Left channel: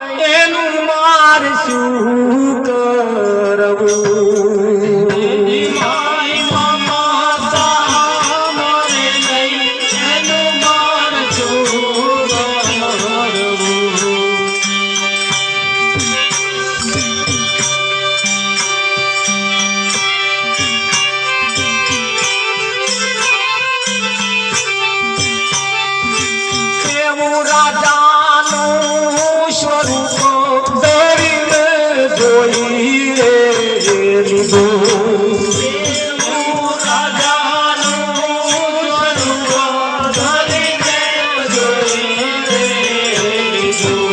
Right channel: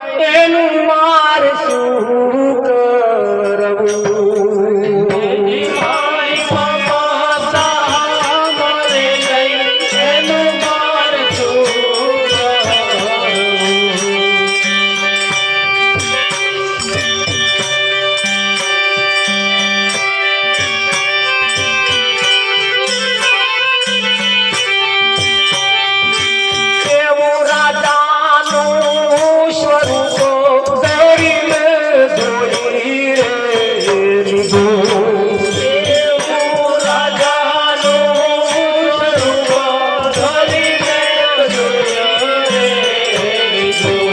એનું માર શું કરવું? મારી મમતા મરે નહીં, એનું માર શું કેવું રાજાનું સ્વરૂપ ધરીને ધોઈ રે લીધું. કેવું રાજાનું સ્વરૂપ ધરીને ધોઈ રે લીધું.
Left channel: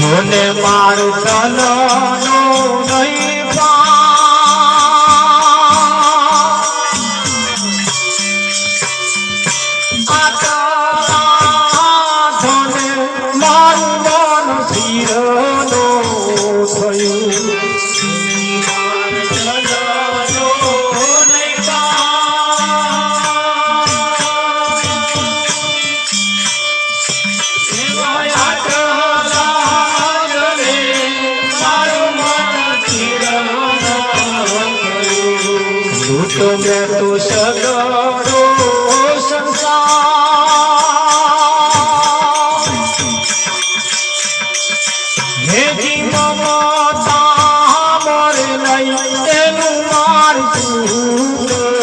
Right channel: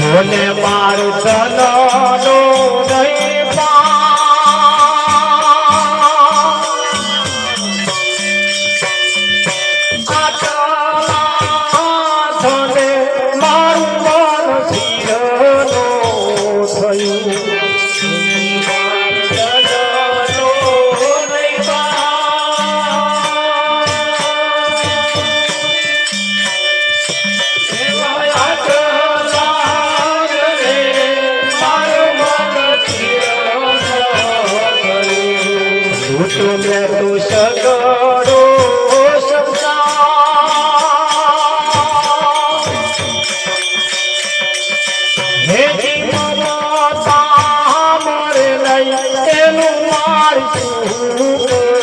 જોને માર ધનનો નહીં પા તું સગડો સંસાર હેજી મમતા મરે નહીં, એનું માર શું કરવું?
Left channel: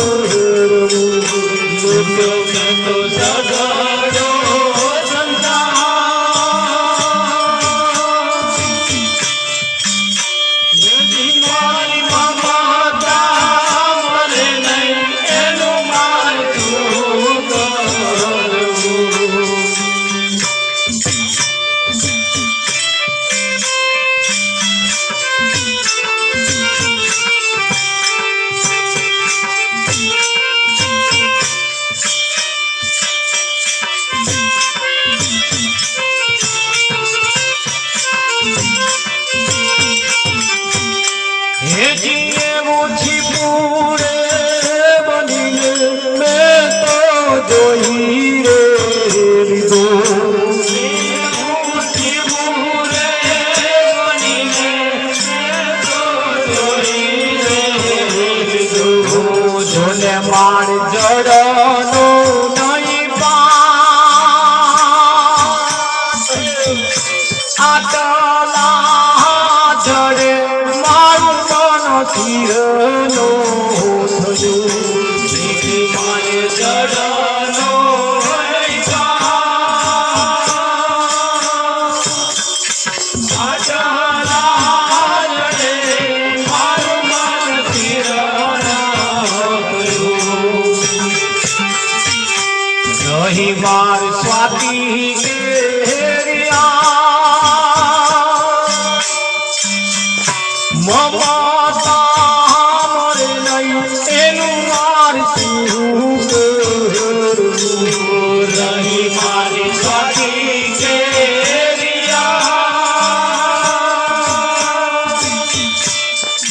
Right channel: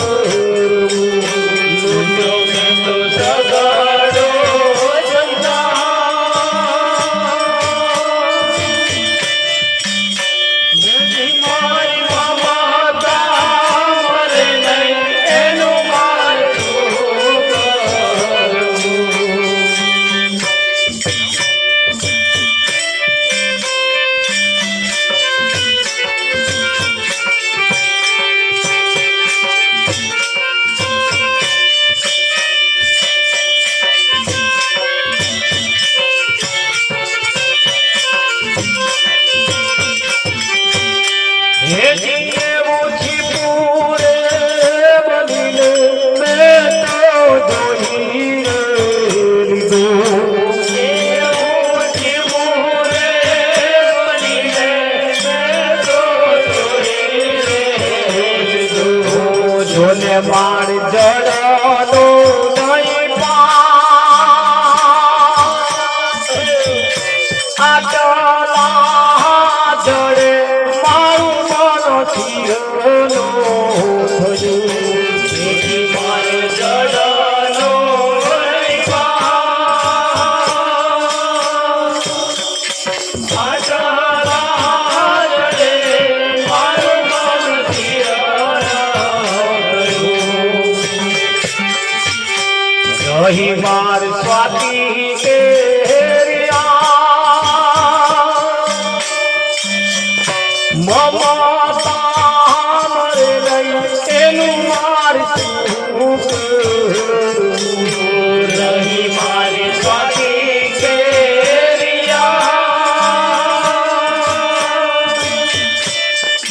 તું સગડો સંસાર હેજી મારી મમતા માર જડનો નહીં આટલા જડે મારું મન થીરનો થયું. મારે જડનો નહીં આટલા જડે મારું મન થીરનો રહી વાર સ્વાતી મમતા મરે નહીં, એનું માર શું કરવું? રહી મારી સ્વાતી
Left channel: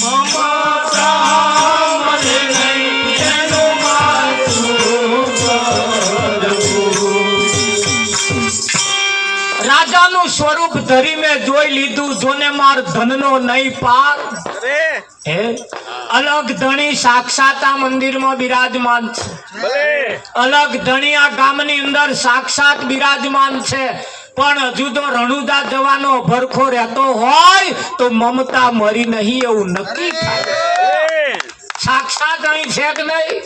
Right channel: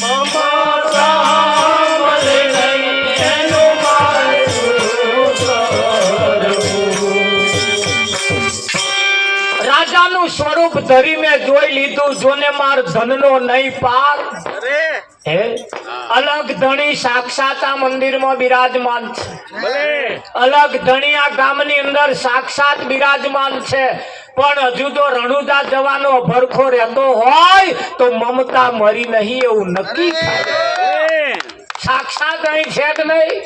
મમતા મરે નહીં, એનું માર રાજાનું સ્વરૂપ ધરી મેં જોઈ લીધું. જોને માર ધનનો નહીં પાર. હે અલગ ધણી સાક્ષાત આ મંદિરમાં બિરાજમાન છે. અલગ ધણી આ ગામની અંદર સાક્ષાત બિરાજમાન છે. પણ હજુ તો રણુદા જવાનો ભરખો રહેતો હોય તો મમતા મરી નહીં એવું નક્કી થાય. સાક્ષાત અહીં છે કે નહીં?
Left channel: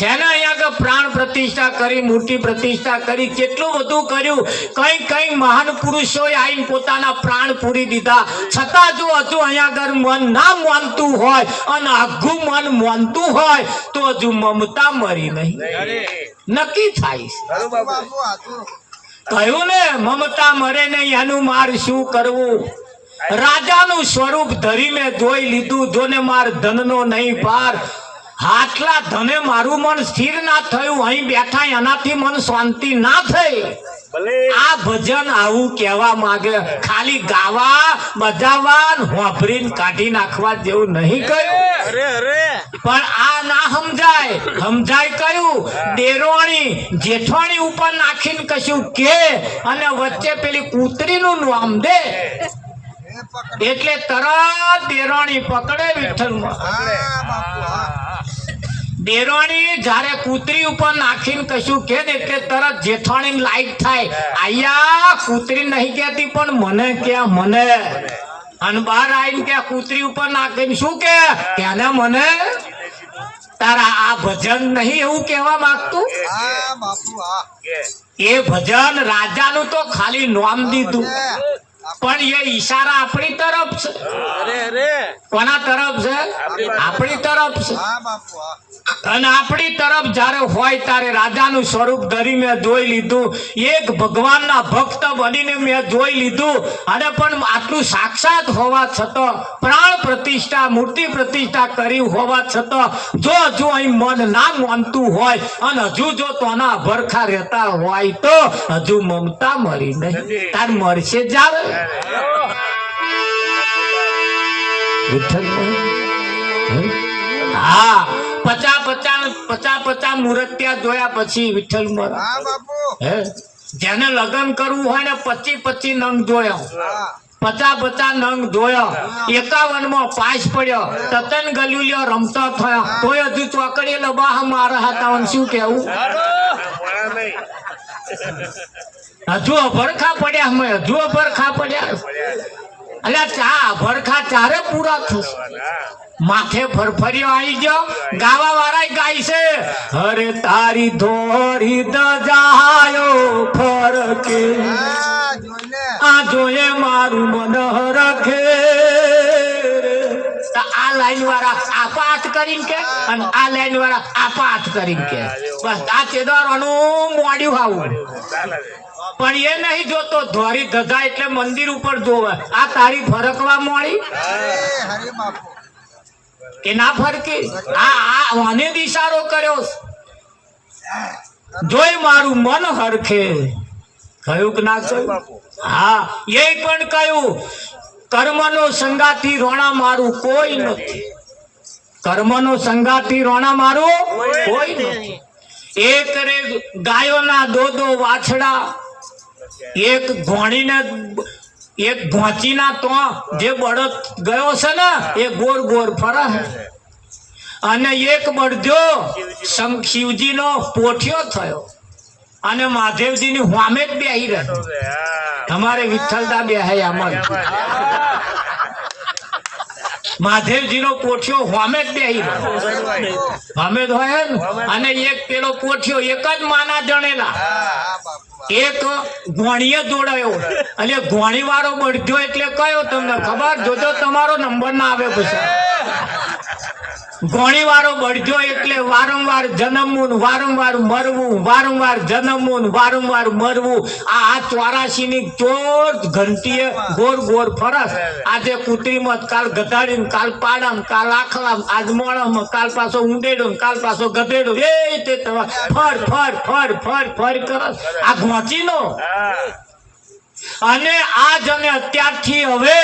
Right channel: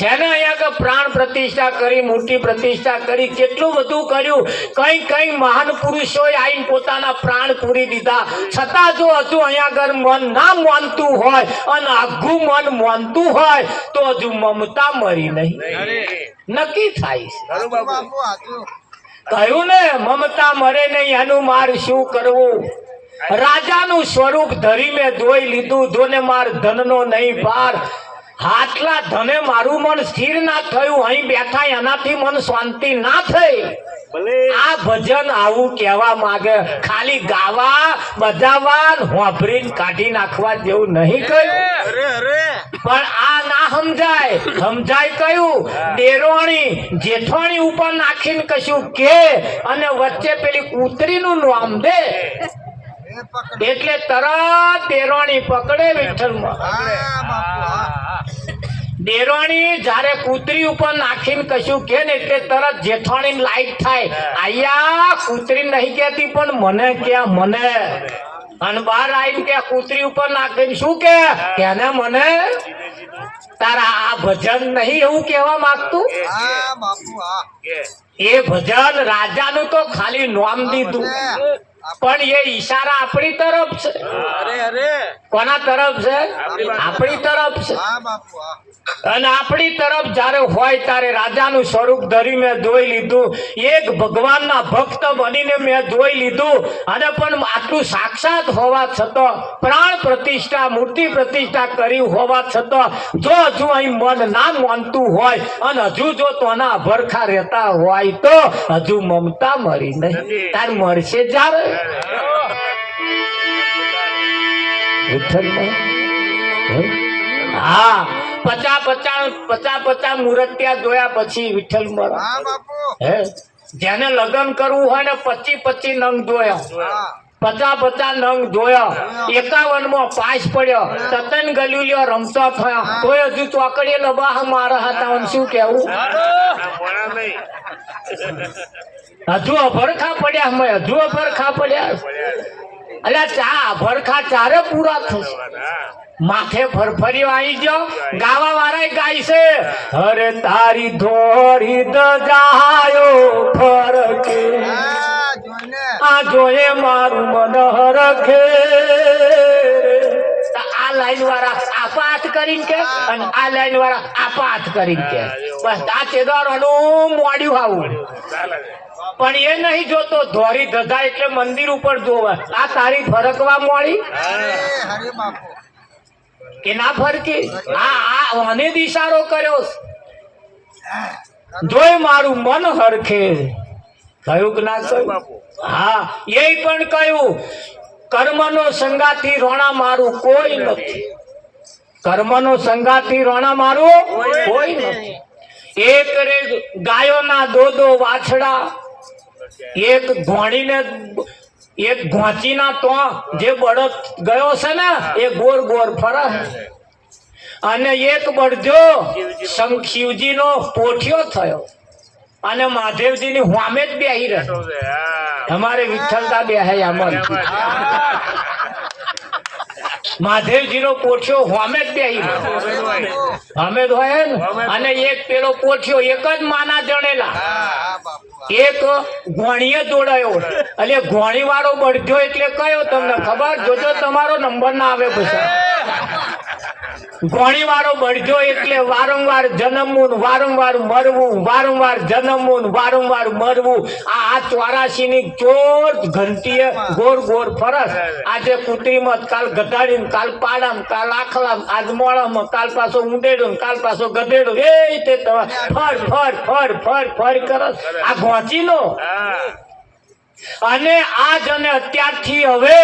જેને અહીંયા પ્રાણ પ્રતિષ્ઠા કરી, મૂર્તિ પ્રતિષ્ઠા કરી, કેટલું બધું કર્યું. કઈ કઈ મહાન પુરુષોએ આવીને પોતાના પ્રાણ પૂરી દીધા. છતાં જો હજુ અહીંયા આગળ મન ના માનતું હોય અને આઘું મન માનતું હોય તો હજુ મમતા મરી નહીં નક્કી થાય છે. કહ્યું ને મમતા મરે નહીં, એનું માર શું કરવું? રાજાનું સ્વરૂપ ધરીને જોઈ લીધું. જોને માર ધનનો નહીં પાર. આટલા ધને મારું મન સ્થિર ના થયું. અહીં બેઠા એનાથી મન શાંતિ ના થઈ. આ ભજન આવું કહેવા માંગે, ખાલી ગાવા બજાવવા હોભરીને કાઢી નાખવા જેવું નહીં કહ્યું. પણ આ ના સમજાય. સમજાય કયું? દેરોણી જેઠોણી ઉપર નાખીને કશું કે અને વચ્ચે પેલી કૂતરીનું નામ દે એટલે તરત દેરોણી પકડે. વિઠ્ઠલમાં દેરોણી જ્યારે કૂતરી ઉપર નાખીને કશું કે ને એટલે તરત જેઠાણી લાઈટ થાય. આયા કૂતરી નહીં કહેતી પણ મને કે મને, અને બહાર આવીને કે કૂતરી ઉપર નાખીને શું કે ને મને. તારા આ ભજન નહીં એવું કહેવા માંગતું? એ ભજન રાજાનું તો ખાલી નામ દીધું, પણ એ ઈશારા આપણી તરફ છે. કોના તરફ છે? આપણી તરફ છે. અને આપણી તરફ જ્યારે હોય ત્યારે રાજાનું સ્વરૂપ ધરી મેં જોઈ લીધું, એક ભગવાનના ભક્ત બનીને મેં જોઈ લીધું. અને પણ આટલું સાક્ષાત હોવા છતાં, પ્રાણ પ્રતિષ્ઠા મૂર્તિ પ્રતિષ્ઠા કરી હોવા છતાં જો હજુ અહીં મન ના માનતું હોય અને હજુ જો તોના ભરખા રહેતા હોય તો હજુ મમતા મરી નહીં. તાર મળશે જાવે હા. 50 મૂર્ત્યા જોયા પછી વિઠ્ઠલ જેને લગ્ન કરવું હોય ને 25 નંગ જોયા, 50 નંગ જોયા. 51 માં પાસ પડ્યો, તતન ગલુલિયો રમતો થયો તોય હજુ ચોકડીએ લબાહ મારા હતા. શું કેવું? હજુ અભરખા પડ્યા, અમે હજુ અભરખા પડ્યા. અલ્યા ચા ભરખા ચારે પૂરા થશે. માથે ફરફરિયો આવી ગયો. ગાવા વાળા ગાય છે, હરે તારી ધોરી દજાયો ફરકે આ જોયે મારું મન હરખે. આ લાઈન વાળા આપાત કરીને કે અને આ લાઈન વાળા આપાત કરીને કે બસ આ ચેદારોનું મોડ્યું આવું. પણ એ નહીં જોતો ધોરી ધજા એટલે મંદિર ઉપર જોવે. આ તારી ફરકવા મોડી કે ના ફરકી? આ મને ઇશારો કર્યો, જોઈ મારું મન હરખે. કયું કે ના કહ્યું? હા, એ પણ કહ્યું કર્મનો સંગાથી રોણા મારું કોઈ નથી. કર્મનો સંગાથી રોણા મારું કોઈ નથી. એક રે ગાયોના દો વાછડા, એક ઘોણીને એક ઘોંચીના તો જે બળદ ગયો છે ને એ ગોર ગોર ફરે, અને એક બળજો શિવજીનો પોઠિયો થયો અને મહાદેવજીની સામે જ બેહી રહ્યો. તમારે વિઠ્ઠલદા બેહાય આમાં મહાદેવજીનો પોઠિયો સામે જ બેહી રહ્યો. સામે જ હોય ને. અને એક પેલો પોઠિયો એક જ માના જણેલા, એક ઘોણીએ જોડાયો. એટલે ઘોણી વાળો બળજો એટલે કયો તમને ખબર? જોજો તમારો નંબર ના આવે પછી. ઘોણી વાળો બળજો એટલે વારંવાર જન્મવું, વારંવાર મરવું, વારંવાર જન્મવું, વારંવાર મરવું. આ 84 ની ચોર ઘંટીએ ગોર ગોર ફરસ. આજે કુતરીમાં, કાલ ગધાડી, કાલ પાડામ, કાલ આખલામ, આજ મોળામાં, કાલ પાછો ઊંડેડો, કાલ પાછો ગધેડો. એ તે ફર ફર ફર ફર ફર કરસ આ ઘોંચીનો. અને આજ અને અત્યારથી હવે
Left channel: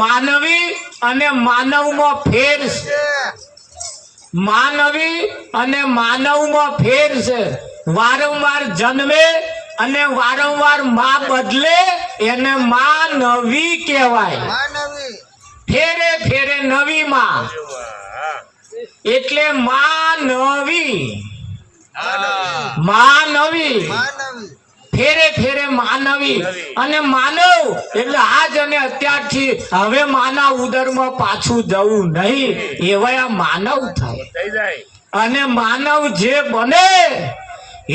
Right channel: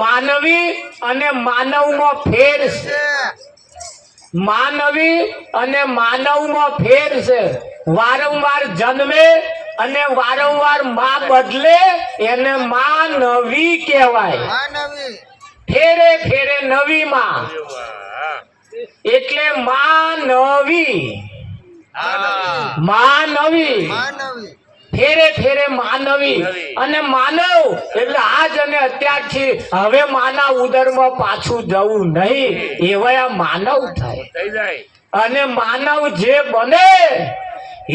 માનવી અને માનવમાં ફેર છે. માનવી અને માનવમાં ફેર છે. વારંવાર જન્મે અને વારંવાર માં બદલે એને માનવી કહેવાય. ફેરે ફેરે નવી માં એટલે માનવી. માનવી ફેરે ફેરે માનવી. અને માનવ એટલે આજ અને અત્યારથી હવે માના ઉદરમાં પાછું જવું નહીં, એવા માનવ થાય. અને માનવ જે બને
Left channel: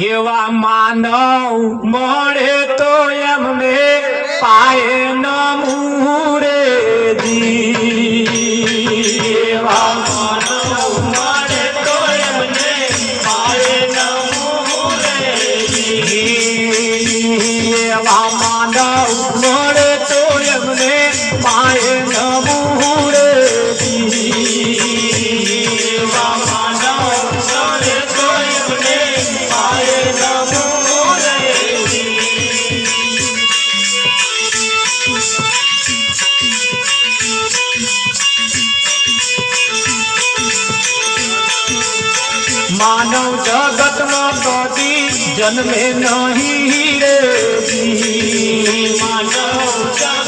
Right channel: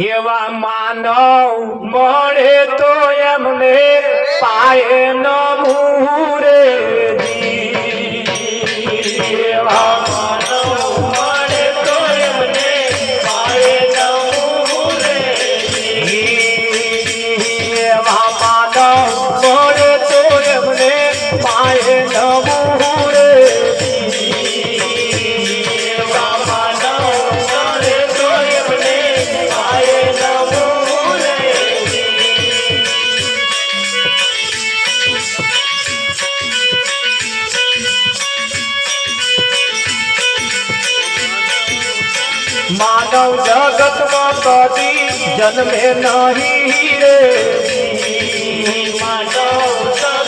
એવા માનવ મળે તો એમને પાયે ન મૂરે એવા માનવ જગતમાં કદી જન્મે નહીં રે માનવ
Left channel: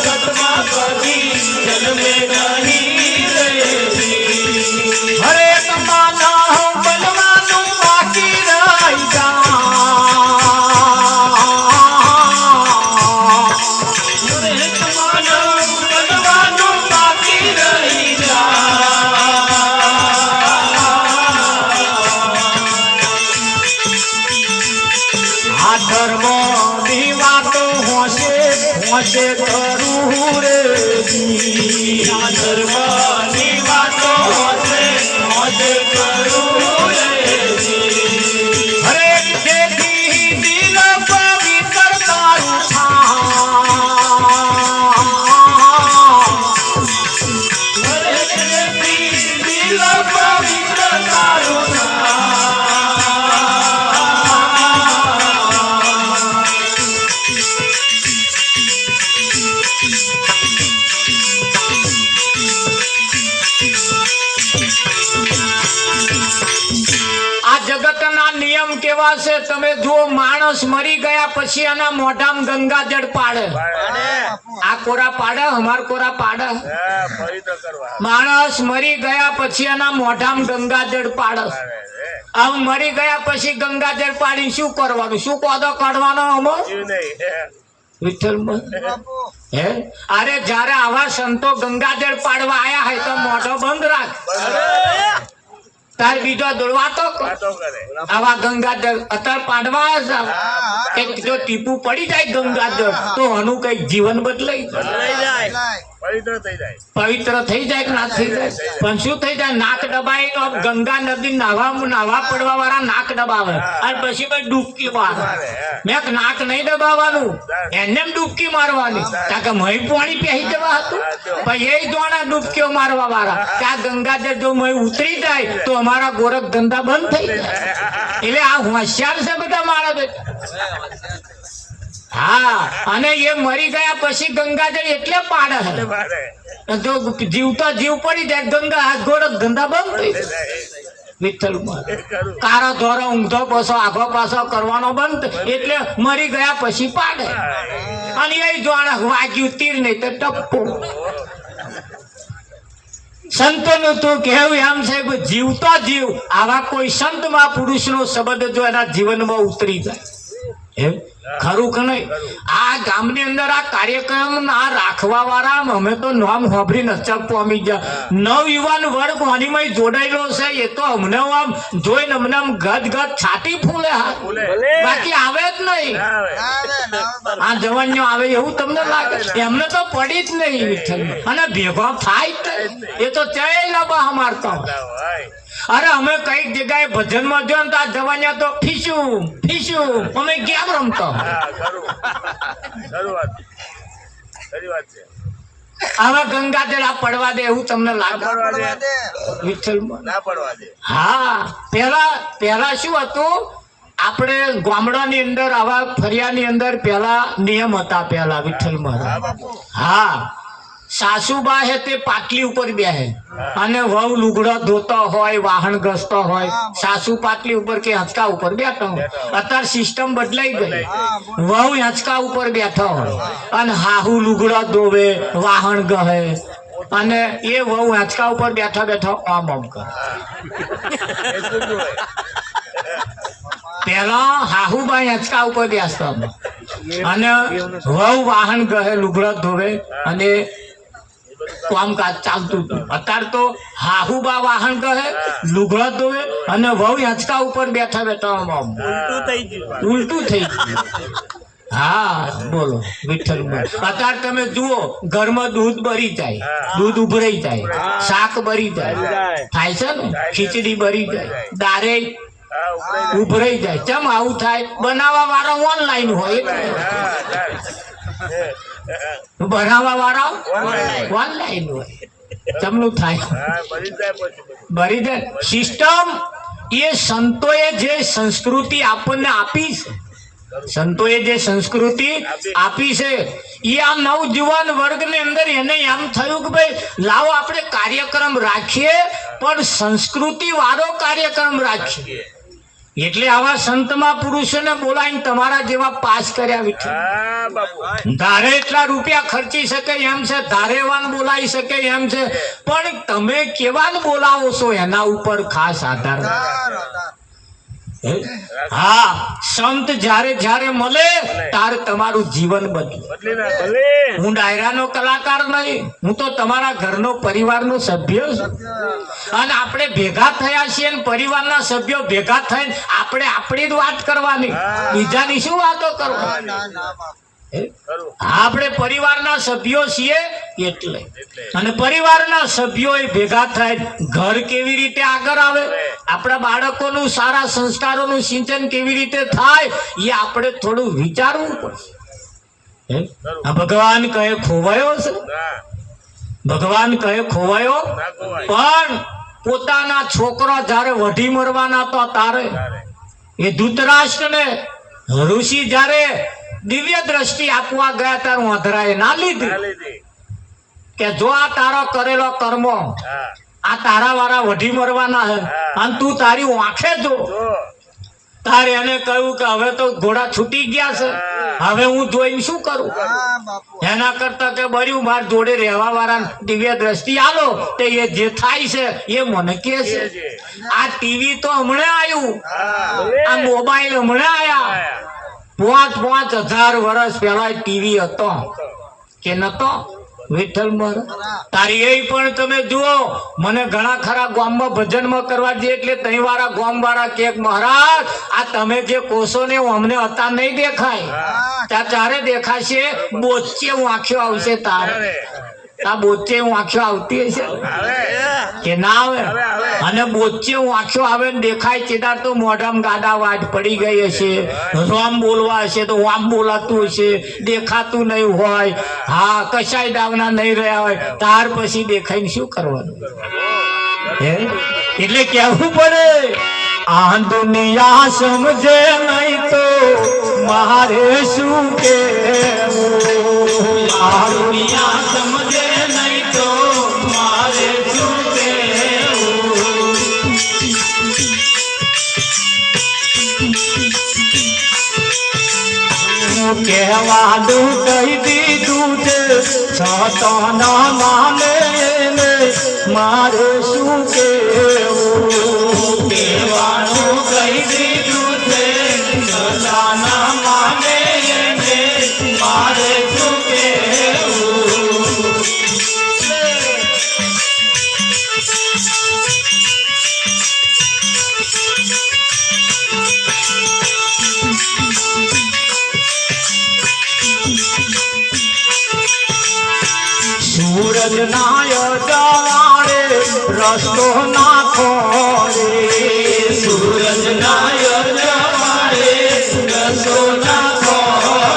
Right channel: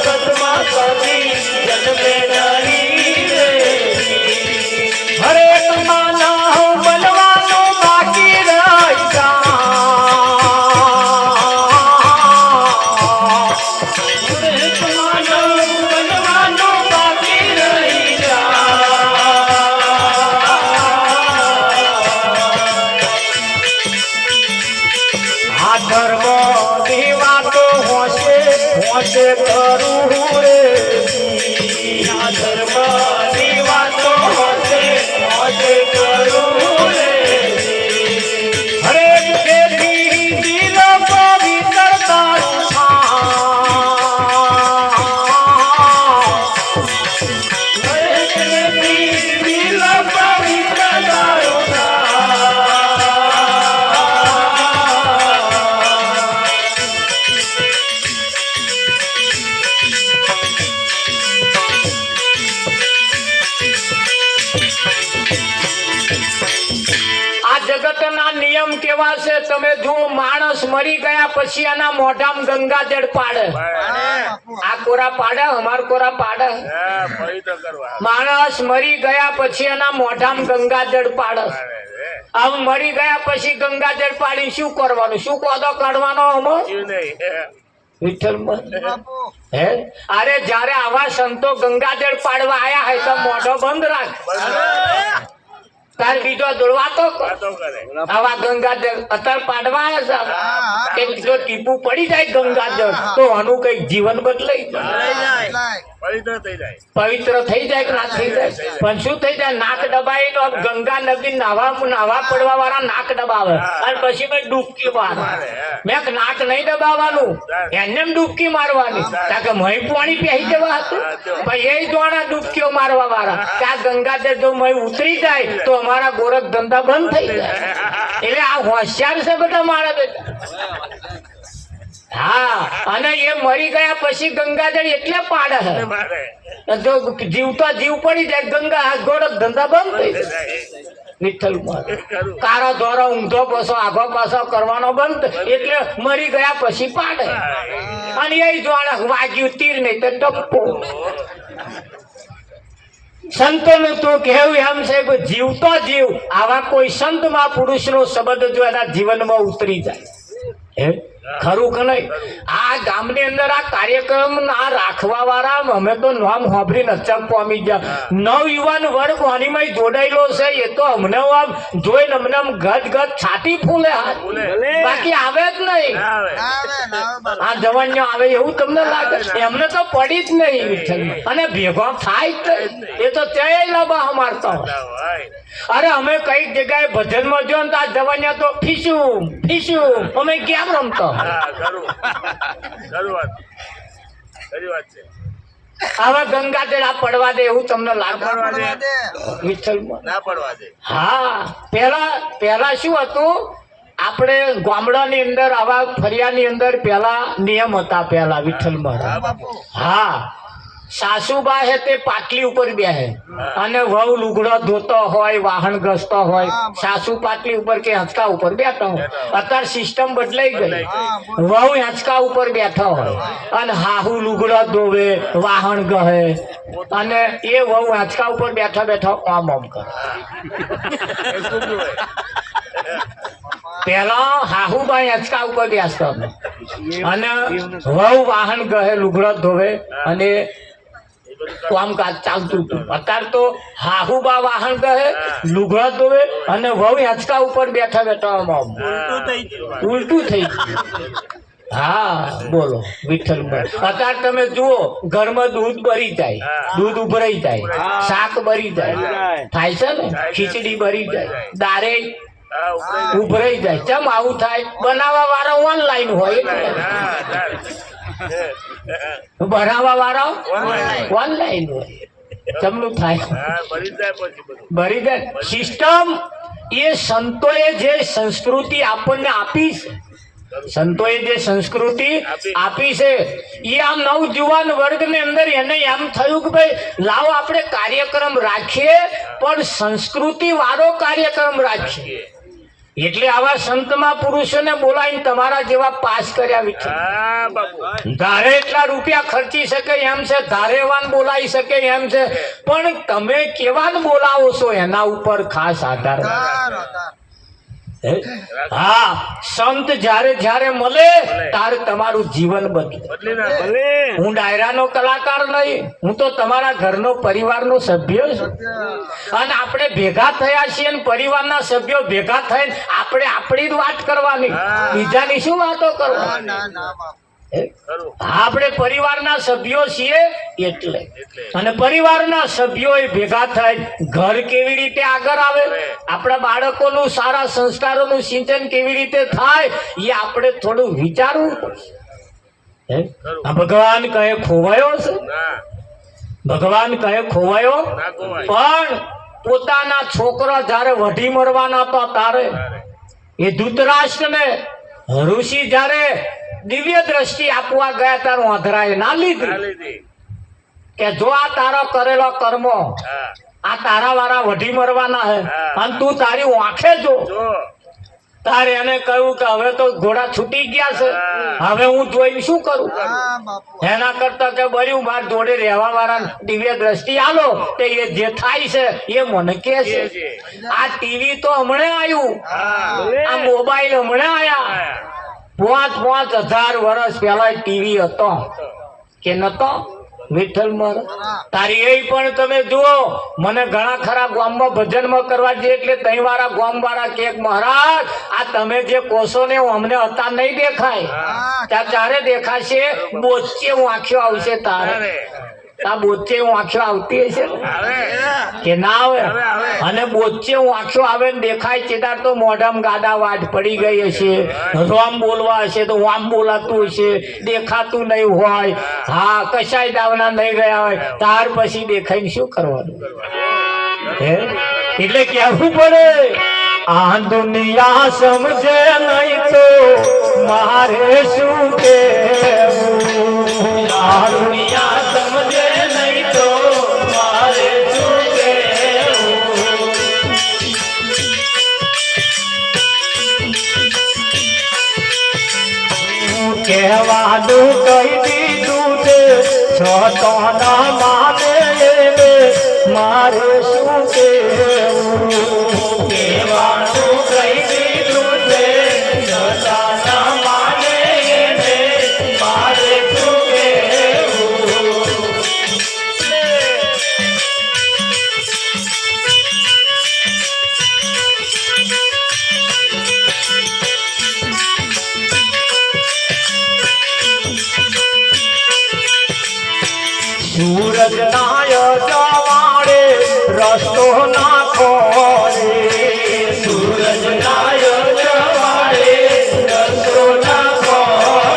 જગતમાં કદી જન્મે નહીં રે હરેક માનવ બનવાનું બાકી રહી જા હરેક માનવ બનવાનું બાકી રહી જા આ ધર્મ ની વાતો હોશે હોશે કરું રે આ ધર્મ ની વાતો હોશે હોશે કરું રે હરેક ખેતી દિલ પવિત્ર તારું હરેક ખેતી દિલ પવિત્ર તારું જગતના નિયમ કેવા છે તમે જુઓ માણસ મરી ગયા પછી આના મોઢામાં ગંગાજળ પાડે આ કોરા પાડે અમાર કોરા પાડે માણસ મરી ગયા પછી આના મોઢામાં ગંગાજળ પાડે આમ મરી ગયા પછી ગંગાજળ પાડી શું કરવાનું શું કોદો કાઢવાનો અમો હે અરે જયારે આવા સંતો ગંગાજળ પાડવા આયા હોય તો મોઢો બંધ રાખ તાર બીજો દોડવાતો આવા ગંગાજળ અત્યારે પાડવા આવ્યા છે જો ટીપું પડી જાય ગંગાજળ તો આનું કઈક જીવન બદલાઈ જાય પવિત્ર થઈ જાય કે ના થઈ જાય પણ શું થઈ જાય નાક દબાઈ ગંગા નદી નાવા પડવા વાળા નાક દબાવે અને પછી કઈ ડૂબકી મારે મેં નાક નહીં દબાવવાનું એને ડૂબકી મારવાની કારણ કે મહી પાણી પહેરી દેવા હતું પણ એ જોણા ડૂબકીઓ મારવા વાળા ત્યાં ગંગાજળ જો મહી ઉતરી જાય તો અમારા ગોરખ ધંધા બંધ થઈ જાય એટલે આ હોશિયાર છે બધા મારા બેટા હા અને એ મરી ગયા પછી ગંગાજળ એટલે પાડે જો જીવતો જીવ પડી જાય ગંગા ગોરખ ધંધા બંધ થઈ જાય વિઠ્ઠલ કારો ધોરો ઊંધો પાછો આભો પાછો કરવાનો બંધ એટલે મરી ગયા પછી પાડે અને એ જોડે વાગ્યું તીર નહીં તો ટપ્પુ સંતોનું તું કહેવું એમ છે કે જીવતો જીવ આવા કોઈ સંત મહાપુરુષ નો શબ્દ જો એના જીવનમાં ઉતરી જાય એમ ખરું કે નહીં આ ગામની અંદર આ કાર્યક્રમ આ રાખવા વાળા અમે તો નામ હોભરી નચક પામી ગયા નવયુવાન વર્ગ વાણીમાં જોડાયેલો છે એ તો અમને આમ જોઈને અમને આમ ગજ ગજ છાતી ફૂલે બાકી આવે જ નહીં આ જવાનીઓ આવે એવું તમને લાગે એમને તો પડી જ નહીં અને ભેગો થાય જ એ તો ચય લાભા મારતો અરે અમે કઈક જગ્યાએ ભજનમાં જો ને આ જવાનિયા તો ફીશું અમે કેમ રમતો આવા ગંગાજળ આ પડવા દે એવું તમને લાગે હા પેલા શું હતું આપણે ગામડાની અંદર આવા ફરિયાની અંદર પેલા નિયમ હતા પેલા વિઠ્ઠલમાં હા સાસુબા હે તે પાટલી ઉપર બેહે અને વહુ લુગડો ધોતો હોય વાહન ઘસતો હોય સાસુ પાટલી ઉપર કે હંચકા ઉપર બેઠો હોય અત્યારે સિસ્ટમ બદલાઈ ગઈ વહુ હંચકા ઉપર બેઠો હોય અને હાહુ લુગડો ધોવે વાહન ગહે અને એ વહુ હંચકા ઉપર બેઠા બેઠા આમ આમ કરે પેલા હાહુબાઈ હંચકા ઉપર બેસતો અને વહુ વાહન ગહે લુગડો ધોવે અને કામકાજ ચાલતું હતું અત્યારે તો હાહુબા વાહન કહે લુગડા ધોવે અને વહુ હંચકા ઉપર બેઠા બેઠા ઉલટું થઈ ગયું હા બોલો વિઠ્ઠલ અત્યારે તમે જુઓ ઘરમાં દૂધ ભરી જાય દૂધ ઉભરાઈ જાય શાક ભરી જાય થાય છે ને ખીચડી ભરી જાય દારે ઉભરાઈ જાય ચમ આવું થાય બનાવવા વાળા ઓનલાઈન હોય બનાવવા વાળા ઓનલાઈન હોય ચમનું થાય ભરી જાય સિસ્ટમ એ સંતોએ જે સંસ્કૃતિ આપણને આપી છે સંતોએ જે સંસ્કૃતિ આપી છે એ આ નવજુવાન વર્ગની અંદર એને એમ થયું કે ભાઈ લાવો આપણે કાર્યક્રમ રાખીએ પણ સંસ્કૃતિ વાળો કાર્યક્રમ રાખીએ એટલે આવા સંતમાં પુરુષોને બોલાવીને તમારા જેવા પાસ કર્યા વિઠ્ઠલ. હા બાપુ ધારે એટલા રૂપિયા ખર્ચી શકે એમ છે, ધારેવાન બોલાવી શકે એમ છે, પણ તમે કેવાન બોલાવો છો એના ઉપર ખાસ આધાર. હા, સંત જ્યારે જ્યારે મળે ત્યારે તમારું જીવન બદલે. બદલી નાખે. હું ડાયરાનો કલાકાર નહીં, હું તો તમારા ઘરનો પરિવારનો સભ્ય છું. અને આપણે ભેગા થયા છીએ ને પરિવારના સભ્યો ભેગા થઈને આપણે આપણી જ વાત કરવાની, બીજાની શું વાતો કરવાની. ખરું. આપણે પરિવારના સભ્યો છીએ એટલે. અને પરિવારના સભ્યો ભેગા થાય ઘર કેવી રીતે આગળ આવે, આપણા બાળકોનું સારા સંસ્કારોનું સિંચન કેવી રીતે થાય એ આપણે થોડું વિચારવું પડશે. આ ભગવાન કહે ખોવાયો છે, ના ભગવાન કહે ખોવાયો, ના ખોવાય. પણ પોતાના છોકરા જ્યારે વઢી મરવાના હતા તારે તારે. એ ધૃતરાષ્ટ્રને ઋષિ જ્યારે દિવ્ય દ્રષ્ટિ આપવા ગયા ત્યારે વાંધરાએ ના ના લીધી લીધી. કે જો આ તારો કરેલો કર્મો હા આ તારા વાળા વઢી મરવાના હે અને તું તારી આંખે જો. જો તારે એને કહ્યું કે હવે તો ઘોડા છૂટી ગયા છે, હવે હું જોઈને શું કરું. એના કરતા કે બર્યું માર જોડે રહેવા વાળા દિવ્ય દ્રષ્ટિ આલો તે એ જે થાય છે એ મને કે છે. આ ટીવી તો હમણાં આવ્યું, આ મોબાઈલ હમણાં આયા. 5,000 વર્ષ પહેલા ટીવી હતો કે નતો વિઠ્ઠલ મર. તારી એ પણ તમે જુઓ, મને ઘણા ખરા ગામમાં ભજનમાં કરવા દે એટલે તઈ વાળા ગામ વાળા કે મહારાજ આ તમે જે કોષો ને અમને હતા નહીં દેખાય, તારે દેખાશે બોચે વાંખ્યો આવશે. તારે આ બોચે વાંખ્યો આવતી હશે કે ના આવે? અને બોચે વાંખ્યો આવે ને દેખાય ચેદાર તો મોઢામાં ગાડા વાટ પડી ગઈ હશે, રોમ બોલવા હશે તો વામ બોલાતું હશે, દેખાતું નહીં હોય, હા કશાય દાવના નહીં રહ્યા હોય, ત્યાર પછી દેખાઈને શું કરવાનું? હે એટલે કેવું પડે આ દુનિયા સમજે નહીં તો મારે શું કેવું, આ દુનિયા સમજે નહીં તો મારે શું કેવું. કહેવાનું કહી દીધું છે છતો ના માને એને મારે શું કેવું. કહેવાનું કહી દીધું છે છતો ના માને એને મારે શું કેવું. સૂરજ નાય જવાડે રસ્તો નાખો રે, સૂરજ નાય જવાડે રસ્તો નાખો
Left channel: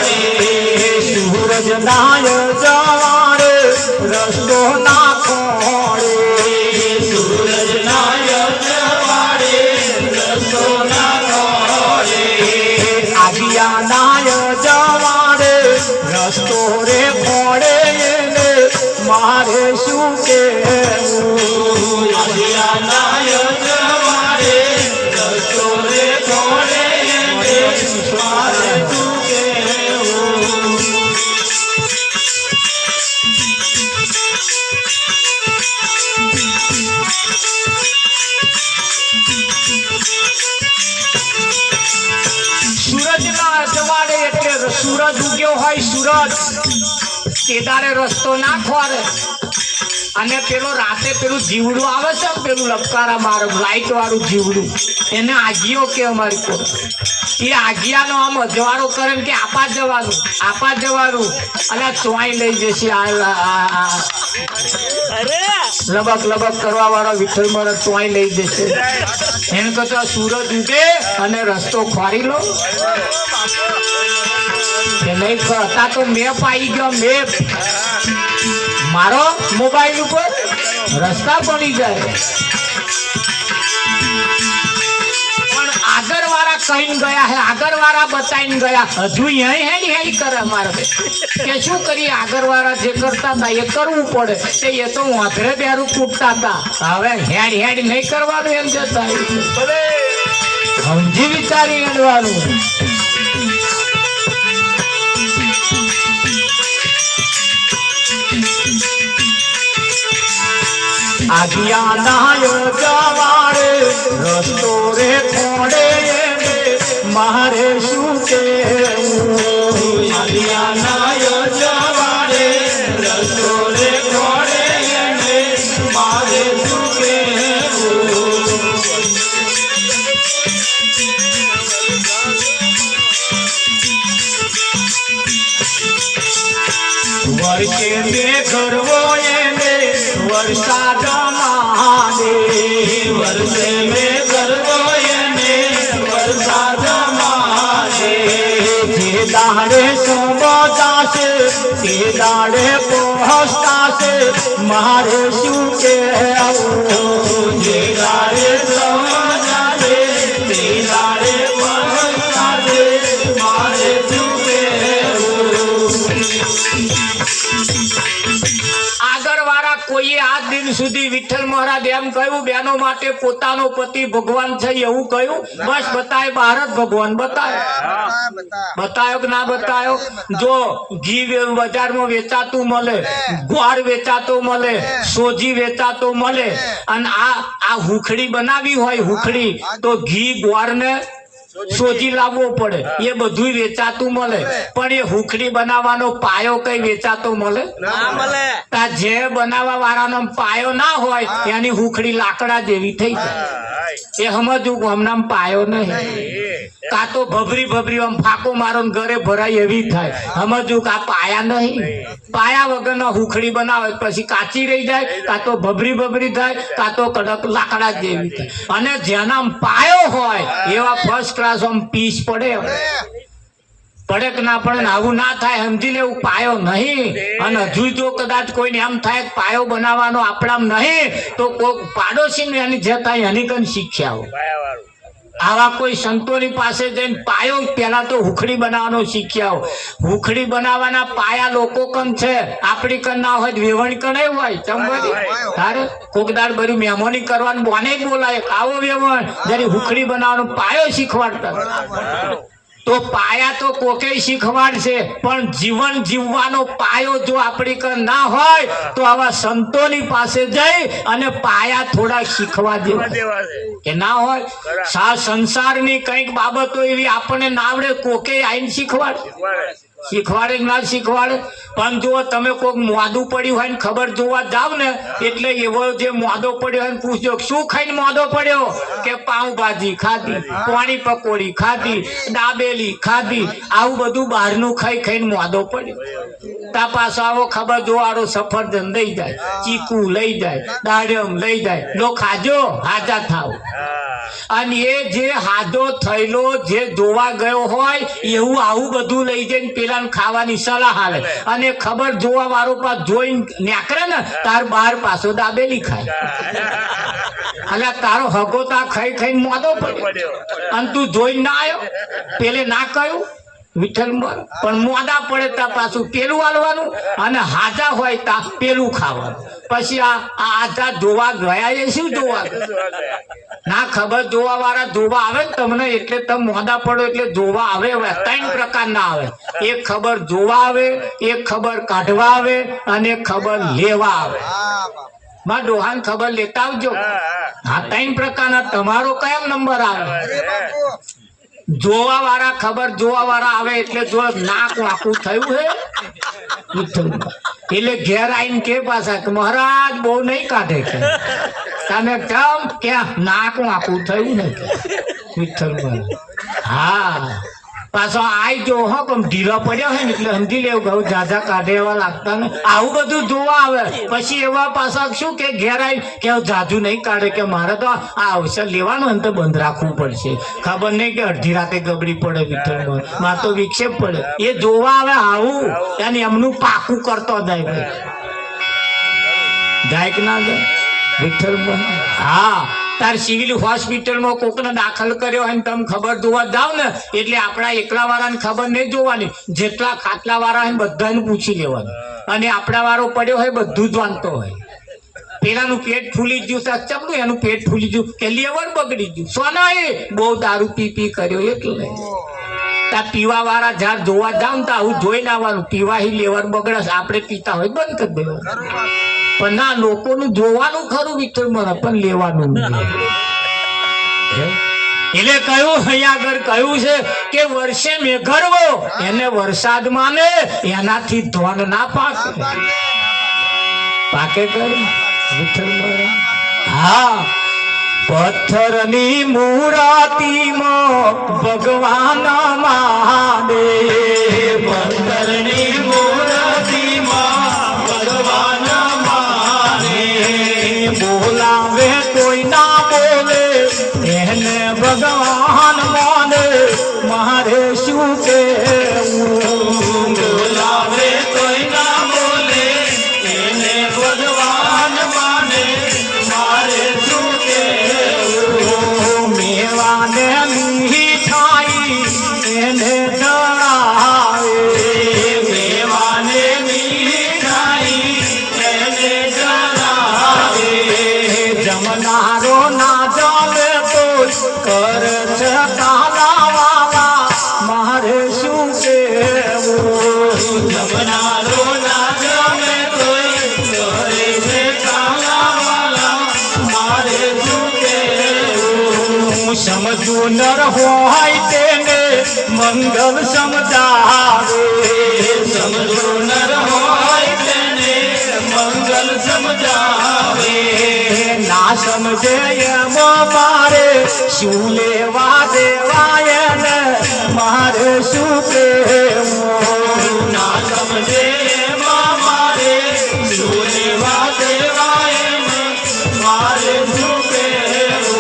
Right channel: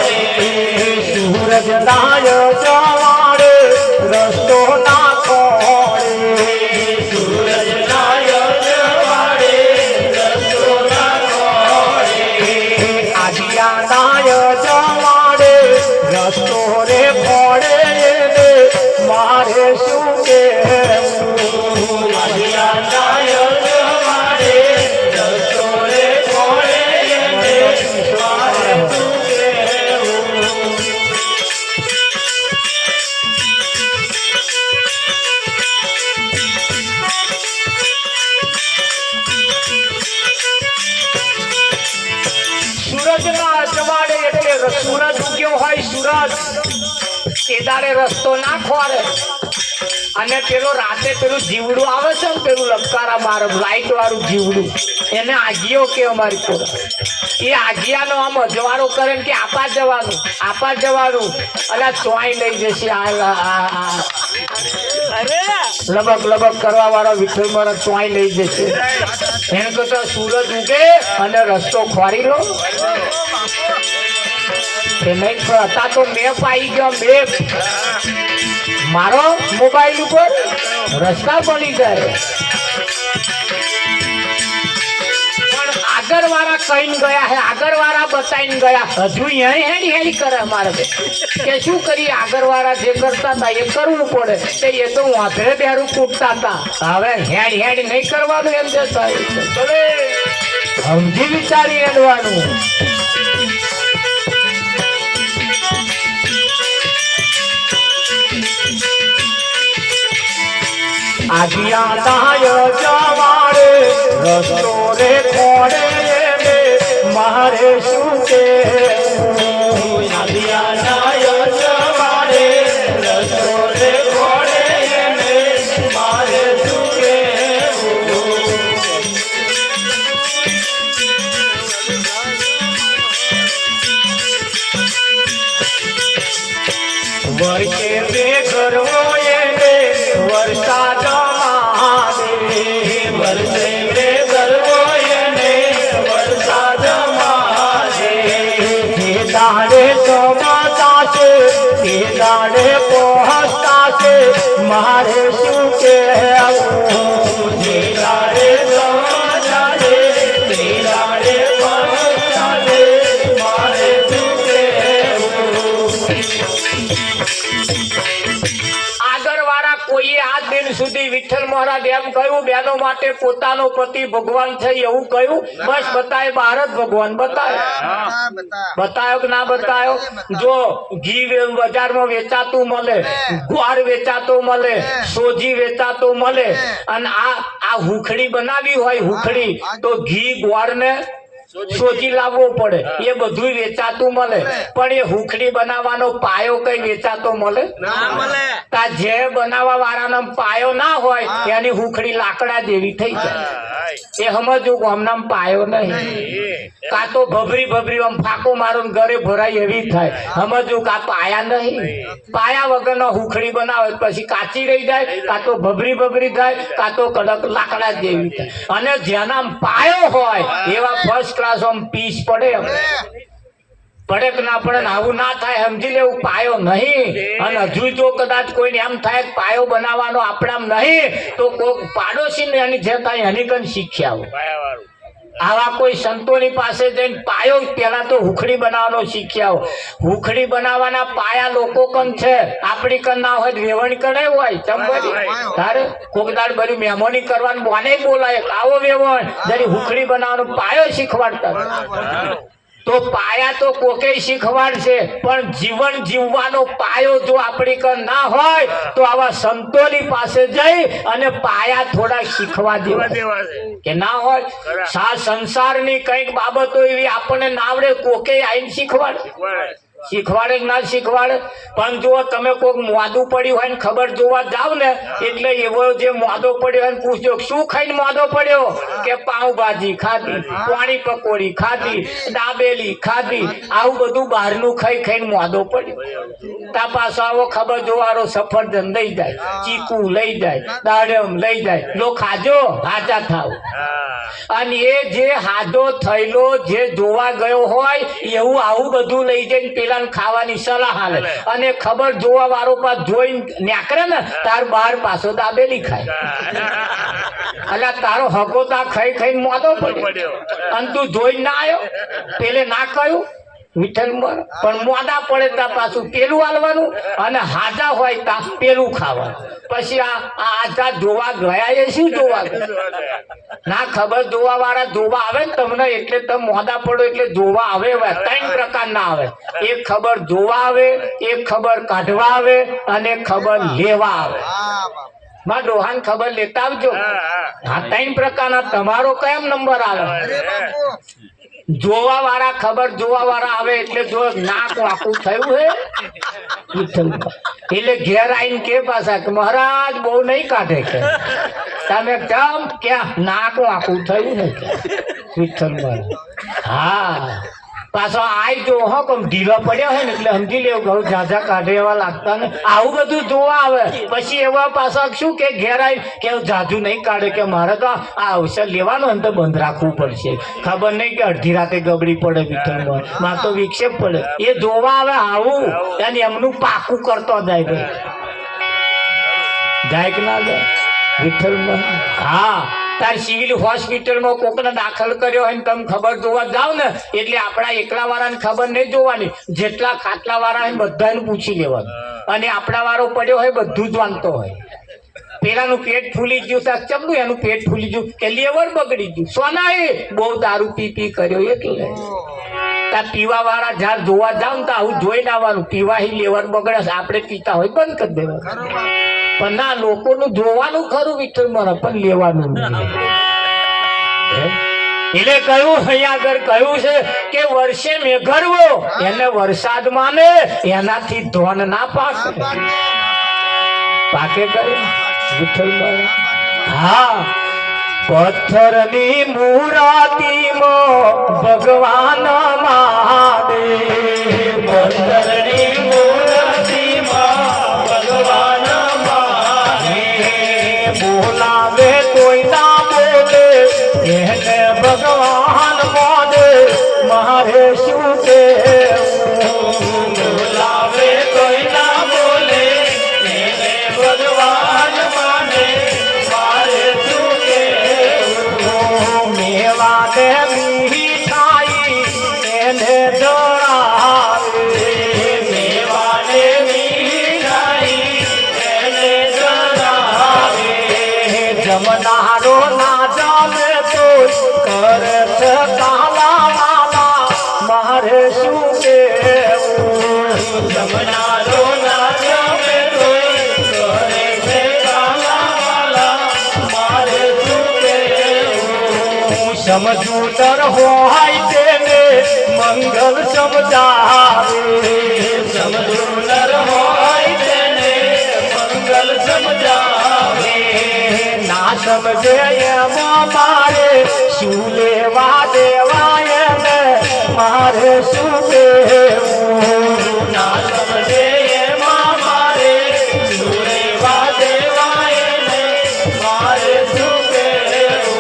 રે, સૂરજ નાય જવાડે રસ્તો નાખો રે, સૂરજ નાય જવાડે રસ્તો નાખો રે, આજ્ઞા નાય જવાડે રસ્તો રે ફોડે મારે શું કેવું. આજ્ઞા નાય જવાડે રસ્તો રે ફોડે મારે શું કેવું. સૂરજના અજવાળે એટલે સૂરજ ઉગ્યો હોય, સૂરજ કેદારે રસ્તો ના ખોરે. અને પેલો રાતે પેલું જીવડું આવે છે ને પેલું લપકારા મારે લાઈટ વાળું જીવડું, એને આગિયો કે અમારી કોઈ એ આગિયાનો આમ અજવાળો કરે કે આપા જવાનું અને ચોઈ લઈ જશે. લબક લબક કરવા વાળો વિઠ્ઠલ મારા ચોઈ લઈ જશે. એને તો સૂરજ ઉગે અને રસ્તો ખોરી લો કે નહીં. હતા તો મેપ આવી ગયો, મેપ મારો મોબાઈલ ઉપર રસ્તા બની જાય. પણ આગળ વાળા કહીને ગયા હે, આગળ વાળા બતાવીને ગયા, હજુ હેડી કરે મારે કે શું કરી. આગળ વાળા જે કરતા હતા એ કરવું પડે, એ તો વાંધરે બેરું કૂટતા હતા. હવે હેડ નહીં કરવાનું એમ જતા. સમજી વિચારી હેડવાનું. આદિયા નાય જવાડે રસ્તો રે કોડે ને મારે શું કેવું. આદિયા નાય જવાડે રસ્તો રે કોડે ને મારે શું કેવું. વર્ષે બે ગરવો એને વરસાદ માગે. વર્ષે બે ગરવો એને વરસાદ માગે. જે દાડે સમજાશે તે દાડે પહોંચતાશે મારે શું કહેવું. જે દાડે સમજાશે તે દાડે પહોંચતાશે મારે શું કહેવું. આગળ વાળા કોઈએ આ દિન સુધી વિઠ્ઠલ મહારાજ એમ કહ્યું બેનો માટે પોતાનો પતિ ભગવાન છે એવું કહ્યું? બસ બતાય બહાર જ ભગવાન બતાય. બતાયો કે ના બતાયો? જો ઘી બજારમાં વેચાતું મળે, ગોળ વેચાતો મળે, સોજી વેચાતો મળે, અને આ હુખડી બનાવી હોય હુખડી તો ઘી ગોળ ને સોજી લાવવો પડે. એ બધું વેચાતું મળે, પણ એ હુખડી બનાવવાનો પાયો કઈ વેચાતો મળે? તા જે બનાવવા વાળાનો પાયો ના હોય એની હુખડી લાકડા જેવી થઈ જાય. એ સમજવું કે હમણાં પાયો નહીં. કા તો ભભરી ભભરી આમ ફાકો મારો ઘરે ભરાય એવી થાય. સમજવું કે આ પાયા નહીં. પાયા વગરનો હુખડી બનાવે પછી કાચી રહી જાય, કા તો ભભરી ભભરી થાય, કા તો કડક લાકડા જેવી થાય. અને જેના પાયો હોય એવા ફર્સ્ટ ક્લાસ આમ પીસ પડે. પડે કે ના પડે આવું ના થાય સમજી લેવું. પાયો નહીં. અને હજુ જો કદાચ કોઈને એમ થાય કે પાયો બનાવવાનો આપણામાં નહીં તો કોઈક પાડોશી એની જતા એની કન શીખ્યા આવો. આવા કોઈ સંતોની પાસે જઈને પાયો પેલા તો હુખડી બનાવવાનો શીખ્યા. હુખડી બનાવવાના પાયા લોકો કન છે, આપણી કન ના હોય વેવણ કન હોય. ચંબરી તારે કોકદાર બરી મહેમાની કરવાનું બોને બોલાય આવો વેવણ જરી હુખડી બનાવવાનો પાયો શીખવાડતા. તો પાયા તો કોકે શીખવાડશે, પણ જીવન જીવવાનો પાયો જો આપણી કન ના હોય તો આવા સંતોની પાસે જઈ અને પાયા થોડા શીખવા દેવા કે ના હોય. સંસારની કઈક બાબતો એવી આપણને ના આવડે, કોકે આઈને શીખવાડે કે ના શીખવાડે. પણ જો તમે કોઈક મોદું પડ્યું હોય ને ખબર જોવા જાવ ને એટલે એવો જે મોદો પડ્યો હોય પૂછજો શું ખાઈને મોદો પડ્યો? કે પાઉંભાજી ખાધી, પાણી પકોડી ખાધી, દાબેલી ખાધી, આવું બધું બહારનું ખાઈ ખાઈને મોદો પડ્યો. તા પાછો આવો ખબર જોવાળો સફરજન લઈ જાય, ચીકુ લઈ જાય, દાડમ લઈ જાય, લો ખાજો હાજા થાવ. અને એ જે હાજો થયેલો જે જોવા ગયો હોય એવું આવું બધું લઈ જઈને પેલા ખાવાની સલાહ આલે. અને ખબર જોવા વાળો પાસ જોઈને નેકરે ને તાર બાર પાછો દાબેલી ખાય. એટલે તારો હકો તા ખાઈ ખાઈને મોદો પડ્યો અને તું જોઈને ના આવ્યો. પેલે ના કહ્યું વિઠ્ઠલ પણ મોદા પડે તા પાછું પેલું હાલવાનું અને હાજા હોય તા પેલું ખાવાનું. પછી આ આજા જોવા ગયા એ શું જોવા ના ખબર જોવા વાળા જોવા આવે ને તમને એટલે તમે મોદા પડો એટલે જોવા આવે. ત્રણ પ્રકારના આવે. એક ખબર જોવા આવે, એક ખબર કાઢવા આવે અને એક ખબર લેવા આવે. માં ડોહાન ખબર લેતા આવજો. હા, ત્રણ પ્રકારના. તમારો કયો નંબર આવે? જોવા વાળા ખબર જોવા વાળા આવે એટલે જો નાક વાંકું થયું હે એટલે ઘેર આવીને કે પાછા કે મહારાજ બહુ નહીં કાઢે કે તમે કેમ ક્યાં નાક વાંકું થયું ને વિઠ્ઠલ મહારાજ. હા પાછો આઈ જો હો કમ ઢીલો પડ્યો હોય ને એટલે સમજી લેવું બહુ ઝાઝા કાઢે એવા લાગતા ને આવું બધું જોવા આવે. પછી એવા પાછા શું કે ઘેર આવી કે ઝાઝું નહીં કાઢે કે મારે તો આ અવસર લેવાનો ને તો બંધ રાખવું પડશે. ખબર નહીં કે અડધી રાતે ગબડી પડે વિઠ્ઠલમાં મારે તો વિક્ષેપ પડે. એ જોવા આવે આવું અને એમનું પાકું કરતો જાય ભાઈ. જાય કે ના જાય વિઠ્ઠલમાં? હા, તાર સિવિલ હોસ્પિટલમાં કોકને દાખલ કર્યો હોય ને તમે ખબર જોવા જાવ ને એટલે આપણા એકલા વાળાને ખબર નહીં જોવાની, જેટલા ખાટલા વાળા હોય બધાને પૂછી લેવાનું. અને આપણા વાળો પડ્યો હોય બધું જ વાંચતો હોય. પેલાનું પેટ ફૂલી ગયું તો ચમનું એનું પેટ ફૂલી ગયું કે લેવર બગડી ગયું સોના એ બહુ દારૂ પી કર્યો એટલે તા પીવા વાળા જ્યાં જોવા જાવ ને તો આવું જોઈને આવવાનું પીવાથી લેવર બગડે આપણે પીતા હોય બંધ કરી દેવાનું પણ ના લોકોનું જોવાનું ખરું વિઠ્ઠલ મારા પણ લેવાનું નહીં. એટલે કહ્યું અહીંયા આગળ કહ્યું છે કે વર્ષે મેઘરવો એને વરસાદ માને એનાથી ધોન ના પાકે પાકે કહ્યું વિઠ્ઠલ મારા. હા પથ્થરની મૂર્તિમાં ભગવાન માને પથ્થરની મૂર્તિમાં ભગવાન માને બોલાવે કોઈ ના બોલે એને ભગવાન માને મારે શું કહેવું બોલાવે કોઈ ના બોલે એને ભગવાન માને મારે શું કહેવું મેવાને મીઠાઈ એને જણાવે મેવાને મીઠાઈ એને જણાવે જમનારો ના જમે તો કરે છે કાલા વાલા મારે શું કહેવું જમનારો ના જમે તો કરે છે કાલા વાલા મારે શું કહેવું સમજવું નર હોય તેને મંગલ સમજાવે સમજવું નર હોય તેને મંગલ સમજાવે ના સમજે એમાં મારે શું લેવા દેવાય ને મારે શું કહેવું ના સમજે એમાં મારે શું લેવા દેવાય ને મારે શું કહેવું.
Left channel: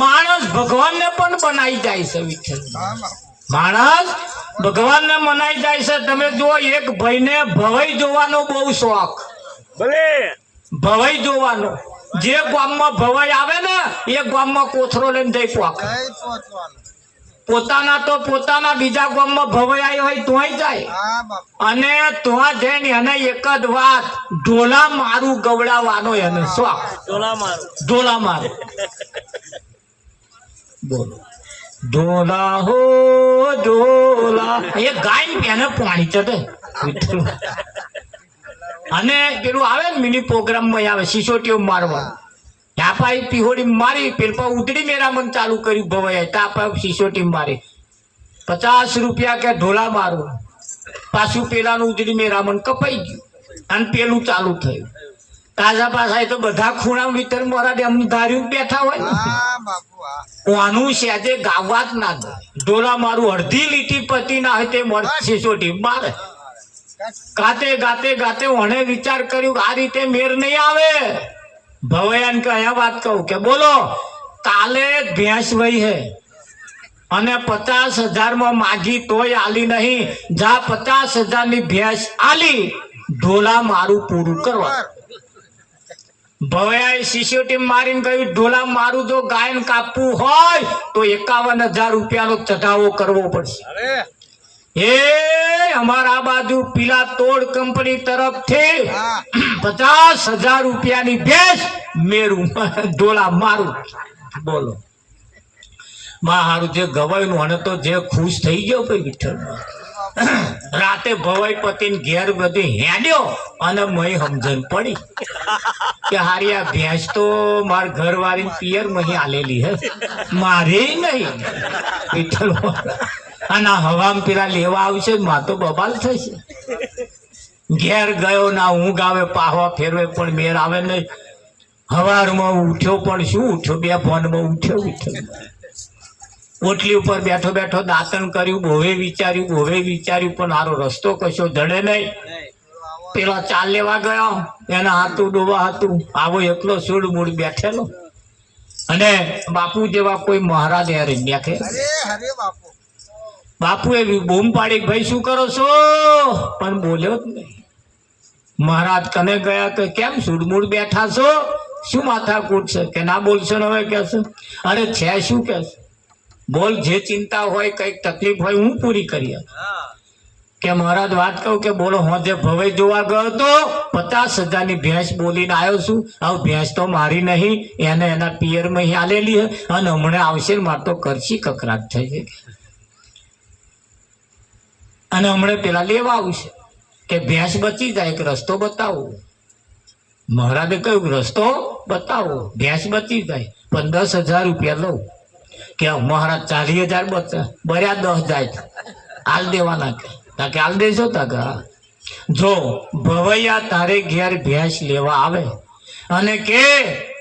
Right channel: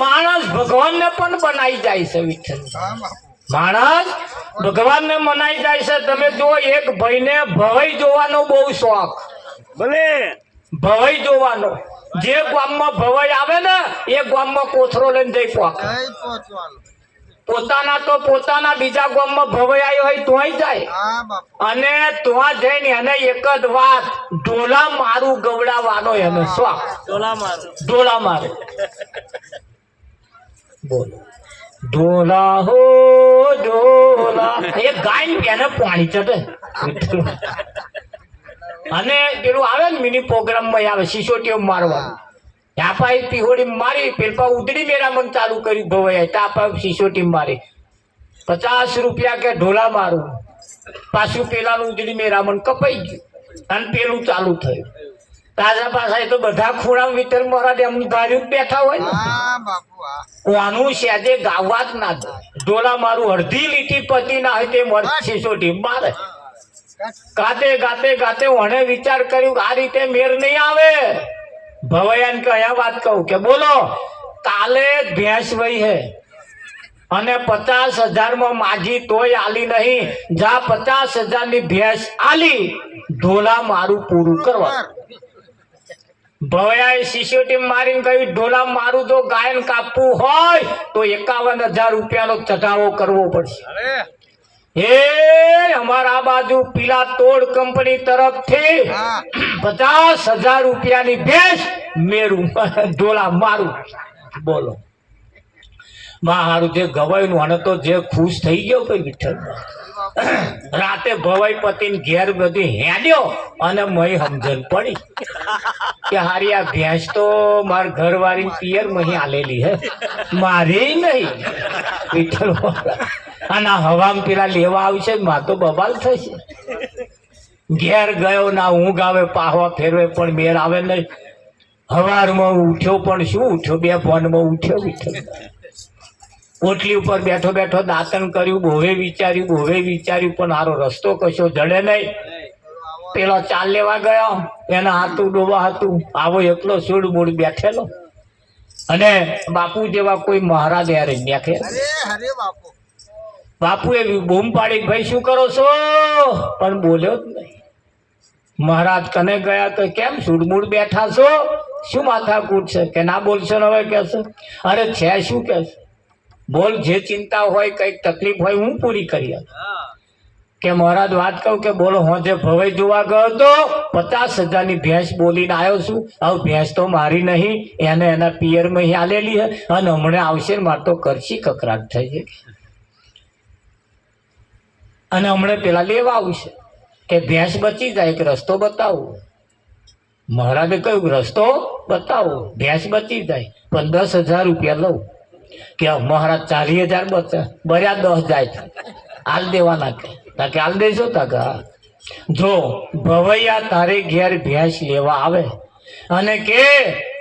માણસ ભગવાનને પણ બનાવી જાય છે વિઠ્ઠલ માણસ ભગવાનને મનાઈ જાય છે. તમે જુઓ એક ભાઈને ભવાઈ જોવાનો બહુ શોખ ભલે ભવાઈ જોવાનો જે ગામમાં ભવાઈ આવે ને એ ગામમાં કોથરો લઈને જઈ પહોંચે પોતાના બીજા ગામમાં ભવાઈ આવ્યો હોય તોય જાય અને ત્યાં જઈને એને એક જ વાત ઢોલા મારું ગવડાવવાનો એને શોખ ઢોલા મારું બોલો ઢોલા હો ઢોલા એ ગાય એને પાણી ચડે અને પેલું આવે ને મિની પ્રોગ્રામ માં આવે સિસોટીઓ મારવા યાપા પીહોડી મારી પેલપા ઉતરી મેરામણ ચાલુ કર્યું ભવાય તાપા સિસોટી મારી 50 રૂપિયા કે ઢોલા મારું પાછું પેલાનું ઉતરી મેરામણ કપાઈ ગયું અને પેલું ચાલુ થયું તાજા પાછા એ તો બધા ખૂણા વિતર મારા એમનું ધાર્યું બેઠા હોય ને કોનું સેજે ગાવા જ ના દે ઢોલા મારું અડધી લીટી પતિ ના હોય તે સિસોટી મારે ગાતે ગાતે ગાતે વણે વિચાર કર્યું આ રીતે મેર નહીં આવે ભવયાન કયા વાત કહું કે બોલો કાલે ભેંસ વહી હે અને 50,000 માં માગી તોય આલી નહીં જા 50,000 ની ભેંસ આલી ઢોલા મારું પૂરું કરવા ભવયાએ સિસોટી મારીને કહ્યું ઢોલા મારું જો ગાયન કાપવું હોય તો 51,000 રૂપિયાનો ચઢાવો કરવો પડશે. એ અમારા બાજુ પીલા તોડ કંપની તરફથી 50,000 રૂપિયાની ભેંસ મેરું ઢોલા મારું બોલો મારું જે ગવાયું અને તો જે ખુશ થઈ ગયો કઈ વિઠ્ઠલ રાતે ભવાઈ પતિને ઘેર બધી હેડ્યો અને મય સમજણ પડી કે હારી આ ભેંસ તો માર ઘરવાળી પિયર મહી આલેલી હે મારી નહીં વિઠ્ઠલ અને હવામ પેલા લેવા આવશે માં તો બબાલ થશે ઘેર ગયો ના ઊંઘ આવે પાહવા ફેરવે પણ બેર આવે નહીં હવારમાં ઉઠ્યો પણ શું ઉઠ્યો, બે ફોનમાં ઉઠ્યો. ઓટલી ઉપર બેઠો બેઠો દાંતણ કર્યું, બોવે વિચાર્યું પણ મારો રસ્તો કશો જડે નહીં. પેલા ચાલ લેવા ગયો, એના હાથું ડોબા હતું, આવો એકલો સુડ મૂળ બેઠેલો, અને બાપુ જેવા કોઈ મહારાજ યાર બેઠે. બાપુ એવી બૂમ પાડી, ભાઈ શું કરો છો? પણ બોલ્યો જ નહીં. મહારાજ કને ગયા તો કેમ સુડમૂડ બેઠા છો, શું માથાકૂટ છે? કે ના બોલશો ને હવે કે છે. અરે છે શું કે છે? બોલ, જે ચિંતા હોય, કઈક તકલીફ હોય હું પૂરી કરી આપું. કે મહારાજ વાત કહું કે બોલો, હું જે ભવાઈ જોવા ગયો તો 50,000 ની ભેંસ બોલીને આવ્યો છું. હવે ભેંસ તો મારી નહીં, એને એના પિયરમાં આલેલી હે, અને હમણાં આવશે ને મારે તો કરશી કકરાટ થઈ છે, અને હમણાં પેલા લેવા આવશે કે ભેંસ બચી જાય, એક રસ્તો બતાવો. મહારાજે કહ્યું રસ્તો બતાવો, ભેંસ બચી જાય, પણ 10,000 રૂપિયા લઉં. કે મહારાજ 40,000 બચે, બર્યા 10 જાય, હાલ દેવાના કે હાલ દેશો તા. જો ભવૈયા તારે ઘેર ભેંસ લેવા આવે અને કે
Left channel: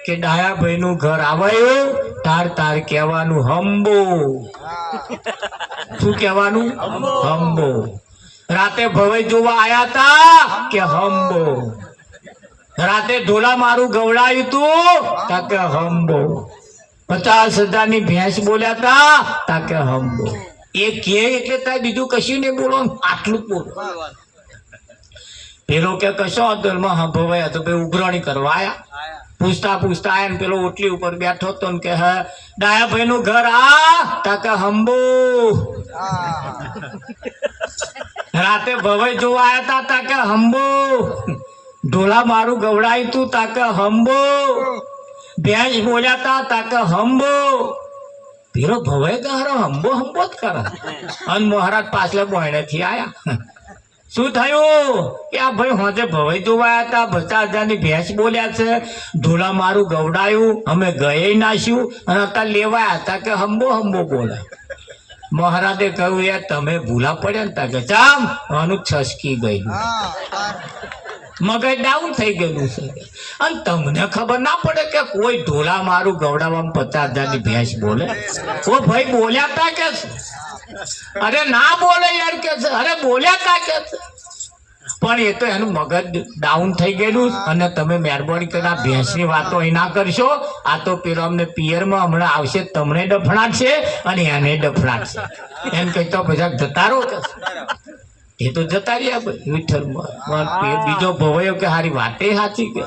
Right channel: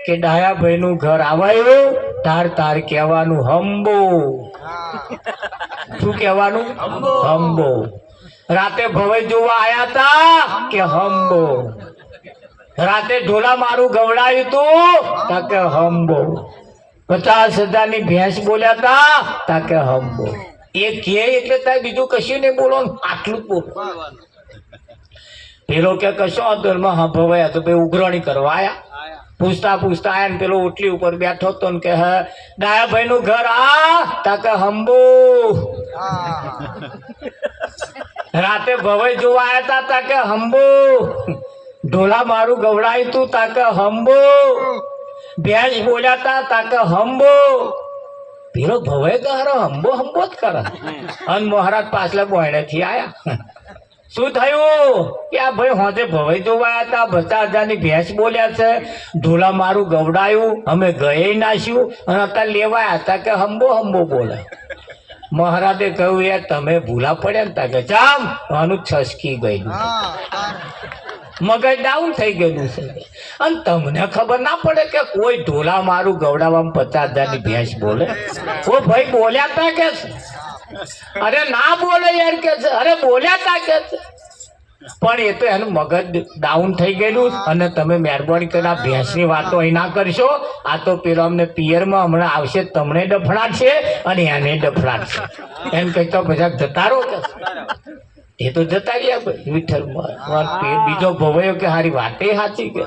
ડાયાભાઈ નું ઘર આવાયું, તાર કહેવાનું હંબો. શું કહેવાનું? હંબો. રાતે ભવાઈ જોવા આયા તા કે હંબો. રાતે ઢોલા મારું ગવડાયું તું કે હંબો. 50,000 ની ભેંસ બોલ્યા તા કે હંબો. એ કે એટલે તારે બીજું કશું નહીં બોલવાનું, આટલું જ બોલો. પેલો કે કશો હતો એમાં ભવાયા તો ભાઈ ઉઘરાણી કરવા આયા. પૂછતા આયા ને પેલો ઓટલી ઉપર બેઠો હતો ને કે ડાયાભાઈ નું ઘર તા કે હંબો. રાતે ભવાઈ જોવા આયા તા કે હંબો. ઢોલા મારું ગવડાયું તું તા કે હંબો. ભેંસ બોલ્યા તા કે હંબો. પેલો ભવાઈ તો હંબો જ કરે. અને મહારાજ પાછલા બોયણેથી આયા. શું થયું કે આ ભાઈ હોજે ભવાઈ જોવા આવ્યા હતા, 50,000 ની ભેંસ બોલ્યા છે, ઢોલા મારું ગવડાયું, અમે ગયે નાશ્યું, અને અત્યારે લેવાયા હતા કે હંબો બોલે. મહારાજે કહ્યું યાર તમે ભૂલા પડ્યા ને તા કે ચામ આનું છસકી ગયું, મગજ ડાઉન થઈ ગયું છે. અને તમને ખબર ના પડે કે કોઈ ઢોલા મારું ગવડાવવામાં 50,000 ની ભેંસ બોલે? ઓ ભાઈ બોલ્યા તા કે અરે ના બોલે યાર કે અરે બોલ્યા તા કે પણ એ તો એનું મગજ ડાઉન થઈ ગયેલું. અને તમે મહેરબાની કરીને આ ભેંસની વાતો અહીં ના કરશો. આ તો પેલો અમને પિયરમાં હમણાં આવશે, તમને ડફડાટશે અને એને ડફડાટશે. એમ કઈ તો બધા જતા રહો કે એ તો જતા રહ્યા વિઠ્ઠલમાં. બીજો ભવાયો કે હારી વાતે સાચી કે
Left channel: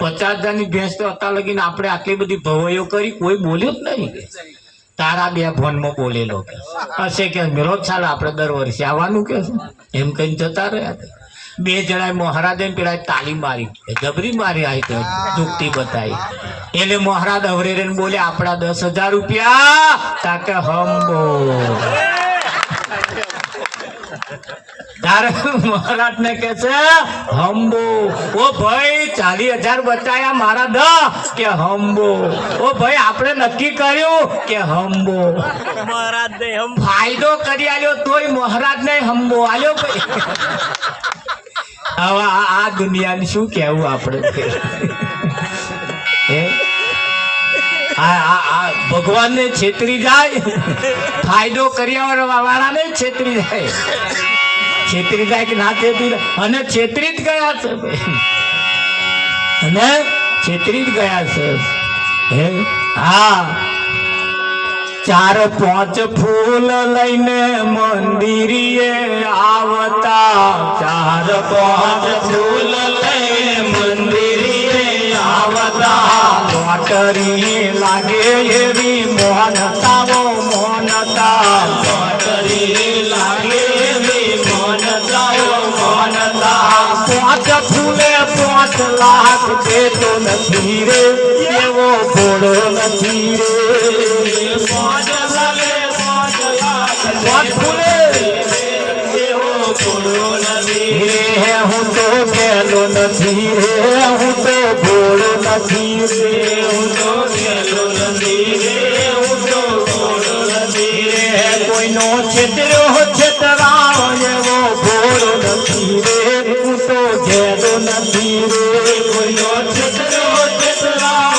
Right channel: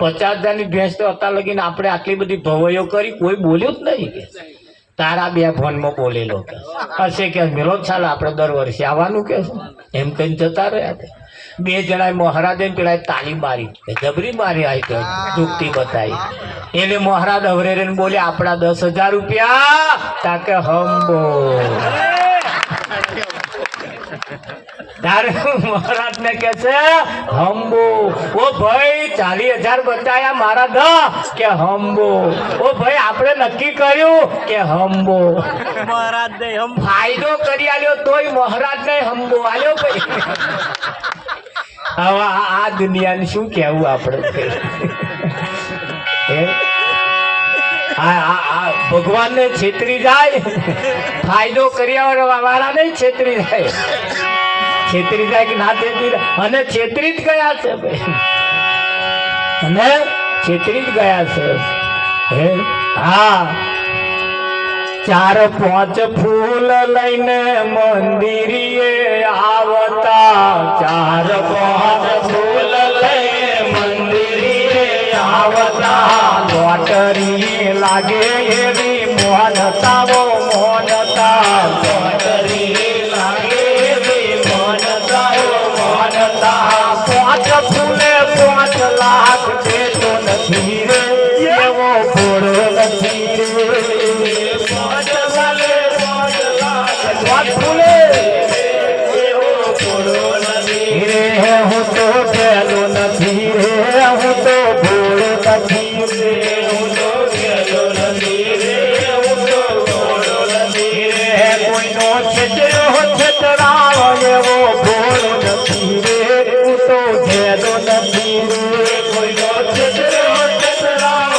50,000 ની ભેંસ તો અત્યાર લગીને આપણે આટલી બધી ભવાઈઓ કરી, કોઈ બોલ્યું જ નહીં. કે તારા બે ફોનમાં બોલેલો કે હશે કે વિરોધ ચાલે આપણે દર વર્ષે આવવાનું કે એમ કઈ જતા રહ્યા. બે જણાએ મહારાજે પેલા તાળી મારી, જબરી મારી આવી તો દુખતી બતાવી. એટલે મહારાજ હવરે બોલે આપણા 10,000 રૂપિયા તાકે હંબો. મહારાજ ને કે છે હંબો. ઓ ભાઈ 40,000 બચાયા મારા કે હંબો. ઓ ભાઈ આપણે નક્કી કર્યું કે હંબો. મહારાજ ને ફાયદો કરી આલ્યો તોય મહારાજ ને હંબો આલ્યો. હવે આ દુનિયાને શું કેવું આપણે? ભગવાન ને છેતરી જાય, ફાયદો કર્યા વાળા ને છેતરી જાય કે ના છેતરી જાય. અને છેતરી જ ગયા છે, અને છેતરી જ ગયા છે. હા, 4-5 ફૂલ લઈને મંદિરે આવતા, 4-5 ફૂલ લઈને મંદિરે આવતા. મોટરી લાગે એવી મોનતાઓ મોનતા, મોટરી લાગે એવી મોનતાઓ મોનતા. 5 ફૂલે 5 લાખ દેતો નથી રે, એવો ઘોડો નથી રે. હું તો પેલો નથી રે, હું તો ઘોડો નથી રે, હું તો પેલો નથી રે, હું તો ઘોડો નથી રે. કોઈનો છેતર્યો છેતરાવ એવો ઘોડો નથી રે, હું તો ઘેરો નથી રે. કોઈનો છેતર્યો છેતરાવ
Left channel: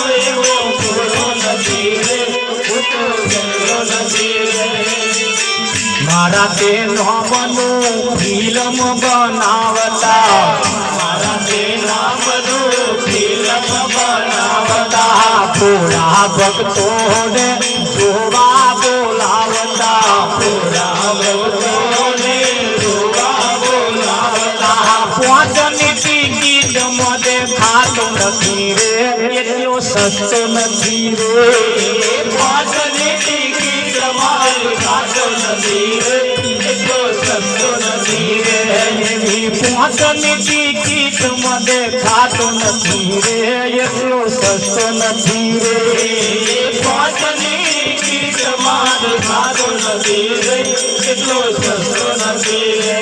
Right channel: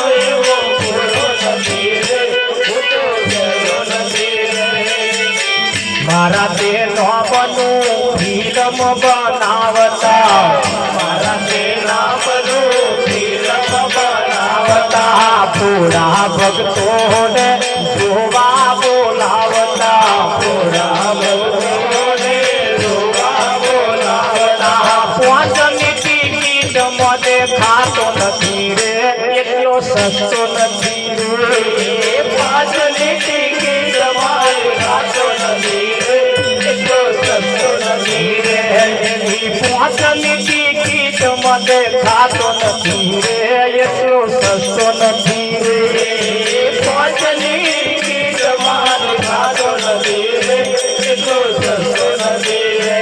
થોડા ભક્તોને જોવા બોલાવતા થોડા ભક્તોને જોવા બોલાવતા પાંચની ટિકિટ મને ખાતો નથી રે એટલો સસ્તો નથી રે પાંચની ટિકિટ મને ખાતો નથી રે એટલો સસ્તો નથી રે પાંચની ટિકિટ મને ખાતો નથી રે એટલો સસ્તો નથી રે પાંચની ટિકિટ મને ખાતો નથી રે એટલો સસ્તો નથી રે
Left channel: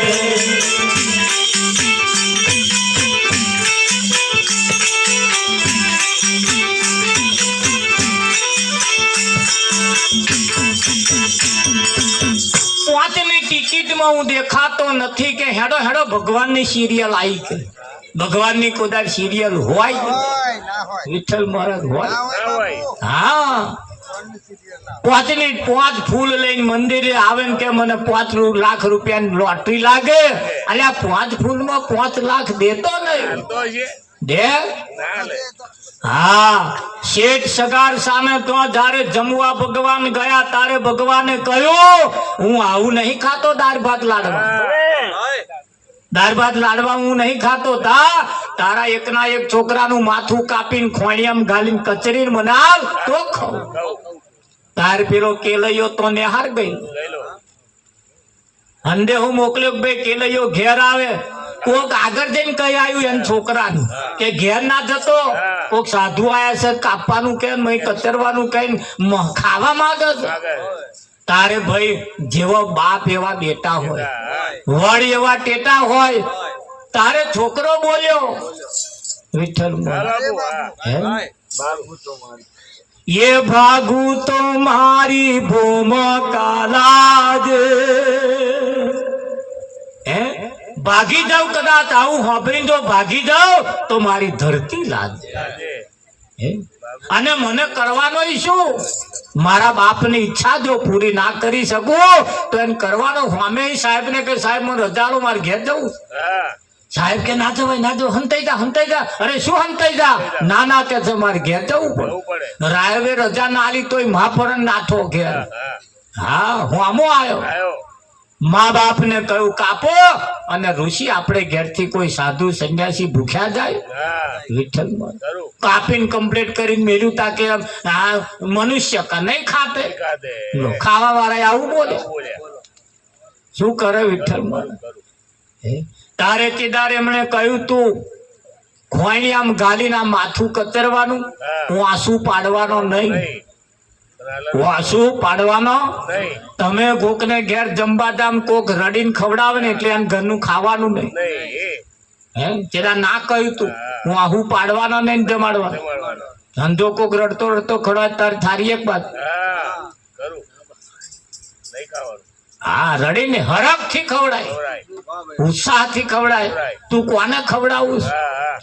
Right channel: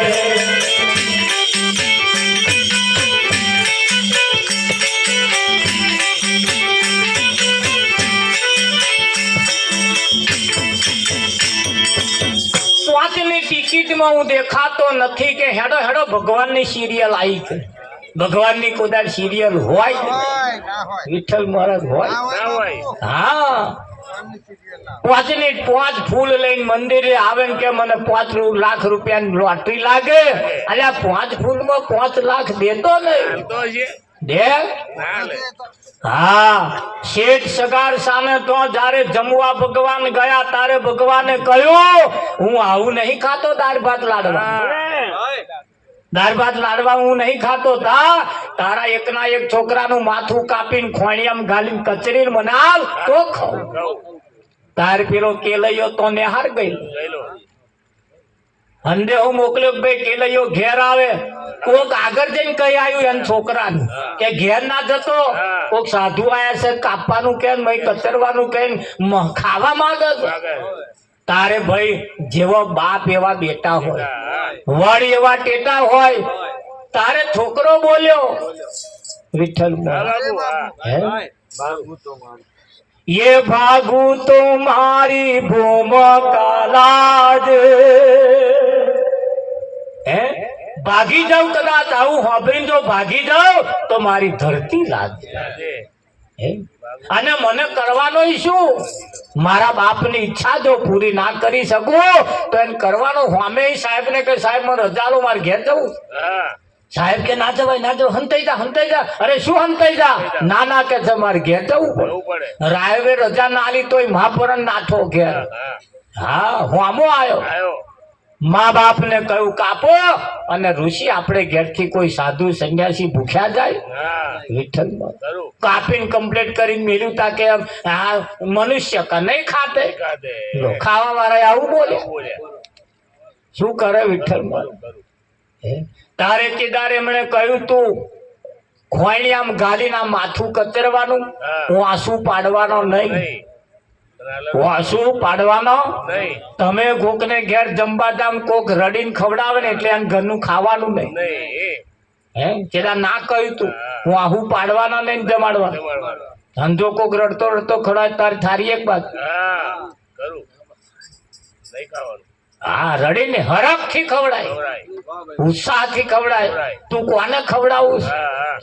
પાંચની ટિકિટમાં હું દેખાતો નથી કે હેડો હેડો ભગવાનની સિરિયલ આવી કે ભગવાનની કદાચ સિરિયલ હોય વિઠ્ઠલ મહારાજ હોય ના હોય. હા પાંચની પાંચ ફૂલ લઈને મંદિરે આવે ને કે મને 5 લાખ રૂપિયાની લોટરી લાગે અલ્યા 5 ફૂલમાં 5 લાખ દેતો નહીં તો છે દે ના લે. હા શેઠ સગાર સામે તો જ્યારે જમવા ભગવાન ગયા તારે ભગવાને કહ્યું હું આવું નહીં ખાતો દાળ ભાત લાડવા દાળ ભાત લાડવા હું નહીં ખાતો તારા એકના એક છોકરાનું માથું કાપીને ખોણિયામાં ઘાલીને કચરીને બનાવ તો ખાઉં કહું તાર પેલો કેલૈયો તો નેહાર ગઈ લઈ લો. અંડે હું મોકલ્યો કે ભાઈ કેલૈયો ઘેર આવે કોક આગળ જઈને કઈ આવ્યું એમ છોકરાનું કે ઘેર ના જતો કોક સાધુ આયા છે કાપવાનું કે કચરવાનું કે ખાવા માંગે છે આગળ. તારે ભાઈ જેવો બાપ એવા બેટા હોય વડ એવા ટેટા હોય તારે છોકરો બોલ્યો વિઠ્ઠલ હા બાબુ હા. હે? બાબુ. ये भागू तुम्हारी भूम कालाज હે ભાગી જાવ કદાચ આવું હોબરી જો ભાગી જાવ તો મારી ધરતી લાજ આજે. હે? અને મને કરવાનો શું મારા બાપની ઈચ્છા જો પૂરી ના કરી શકું તો એને કરવાનો સામે સાહેબ ને કે સાહેબ મને રજાલો મારે ઘેર જવું હા સાહેબ કે ના જવાય ના જવાય હંતાઈ જા અરે શું હંતાઈ જા ના ના કે છે મારે ઘેર જવું પડે જવું પડે. રાયવે રજા ના આલી તોય મહાપરણ નાથો ઘેર હા હા હું આમો આવ્યો આવ્યો. મા બાપ ને કહ્યું કાપો અને ઋષિ આપણે ઘેરથી કોઈ સાધુ સંન્યાસી ભૂખ્યા જાય હા વિઠ્ઠલ કરું. કાપીને કમ્પ્લીટ કરીને મેર્યું તા કે આ મનુષ્ય કા નહીં ખાતે કાઢે. લો, ખાવા વાળા આવું બોલે આવું બોલ્યા. શું કરે વિઠ્ઠલ કરું. હે? તારે કેદાર એમણે કહ્યું તું ખોઈણી આમ ગાલીને આમ માથું કતરવાનું હા. હું આંસુ પાડવાનો નહીં નહીં. હું આંસુ પાડવાનો નહીં. તમે કોકને ઘેર જમવા જામ કોક રડીને ખવડાવે ને એટલે એમ ઘરનું ખાવાનું નહીં નહીં. હે જેના ના કહ્યું તું હું આહુ પાડવાના નહીં ને જમાડવાના જમાડવાનો. ધંધો કોક રડતો રડતો ખવડાવે તાર થારી એક બાદ હા કરું. નહીં ખાવાનું. હા રડીને હરખ થી ખવડાય ખવડાય. ઉત્સાહ થી ખવડાય તું કોને ખવડાવું છે? હા હા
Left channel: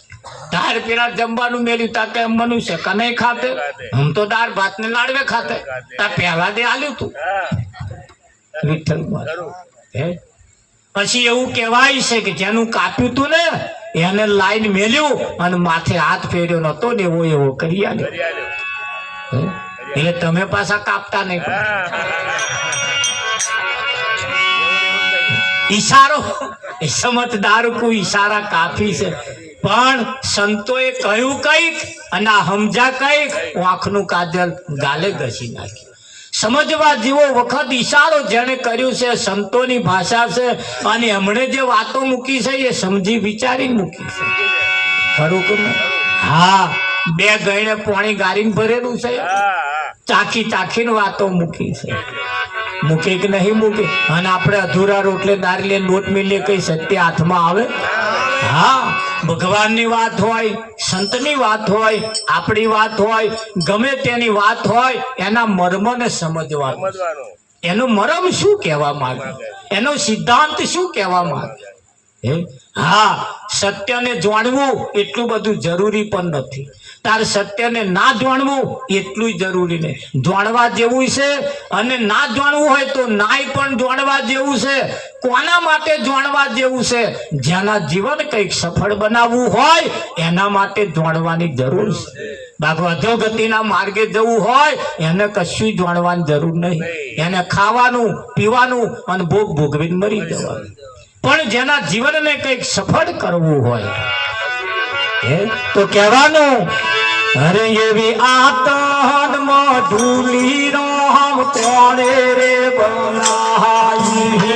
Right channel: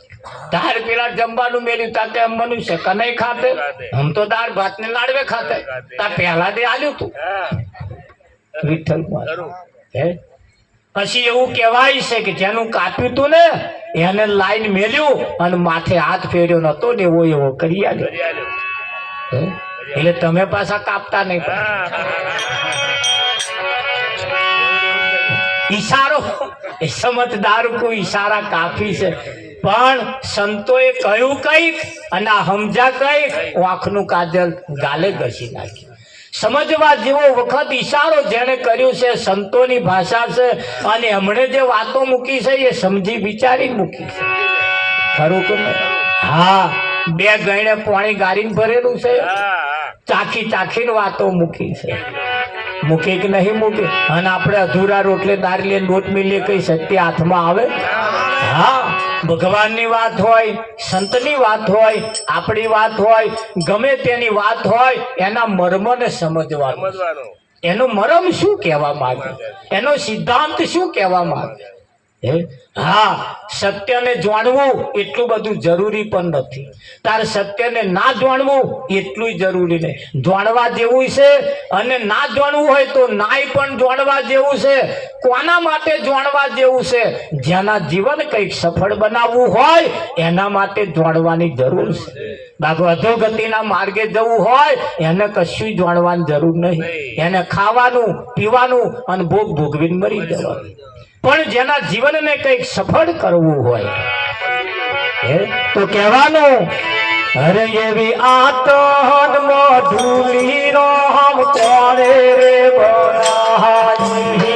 તાર પેલા જમવાનું મેલ્યું તાતે એમ મનુષ્ય કે નહીં ખાતે હું તો દાળ ભાત ને લાડવે ખાતે તાર પહેલા દે આલ્યું તું હા વિઠ્ઠલ કરું. હે પછી એવું કહેવાય છે કે જેનું કાપ્યું તું ને એને લાઈન મેલ્યું અને માથે હાથ ફેર્યો નતો ને એવો કરી આલ્યો કરી આલ્યો. હે? એટલે તમે પાછા કાપતા નહીં હા ઈશારો એ સમજદાર કો ઈશારા કાફી છે પણ સંતોએ કહ્યું કઈક અને આ સમજા કઈક આંખનું કાજલ ગાલે ઘસી નાખી સમજવા જેવો વખત ઈશારો જેને કર્યું છે સંતોની ભાષા છે અને એમણે જે વાતો મૂકી છે એ સમજી વિચારી મૂકી છે ખરું કે નહીં? હા બે ગઈને પાણી ગારીને ભરેલું છે ચાખી ચાખીને વાતો મૂકી છે મૂકે કે નહીં મૂકે અને આપણે અધૂરા રોટલે દારી નોટ મિલે કઈ સત્ય હાથમાં આવે હા ભગવાનની વાત હોય સંતની વાત હોય આપણી વાત હોય ગમે તેની વાત હોય એના મર્મને સમજવાનું સમજવાનું. એનું મરમ શું કહેવા માંગે એનો સિદ્ધાંત શું કહેવા માંગે હે હા, સત્યને જાણવું એટલું બધું જરૂરી પણ નથી. તારે સત્યને ના જાણવું એટલું જરૂરી નહીં. જાણવા જેવું છે અને ના જાણવું હોય તો નાય પણ જાણવા જેવું છે. કોના માટે જાણવા જેવું છે? જેના જીવન કંઈક સફળ બનાવવું હોય એના માટે જાણવાની જરૂર છે. બાકી અધોગતિના માર્ગે જવું હોય એને કશું જાણવાની જરૂર નહીં. એને ખાવાનું પીવાનું અને ભોગ ભોગવીને મરી જવાનું. પણ જેના જીવનને કંઈક સફળ કરવું હોય તો કહેવાનું, અરે એવી આતનમાં ધૂલી નો હમ કોણે રે બનાવી.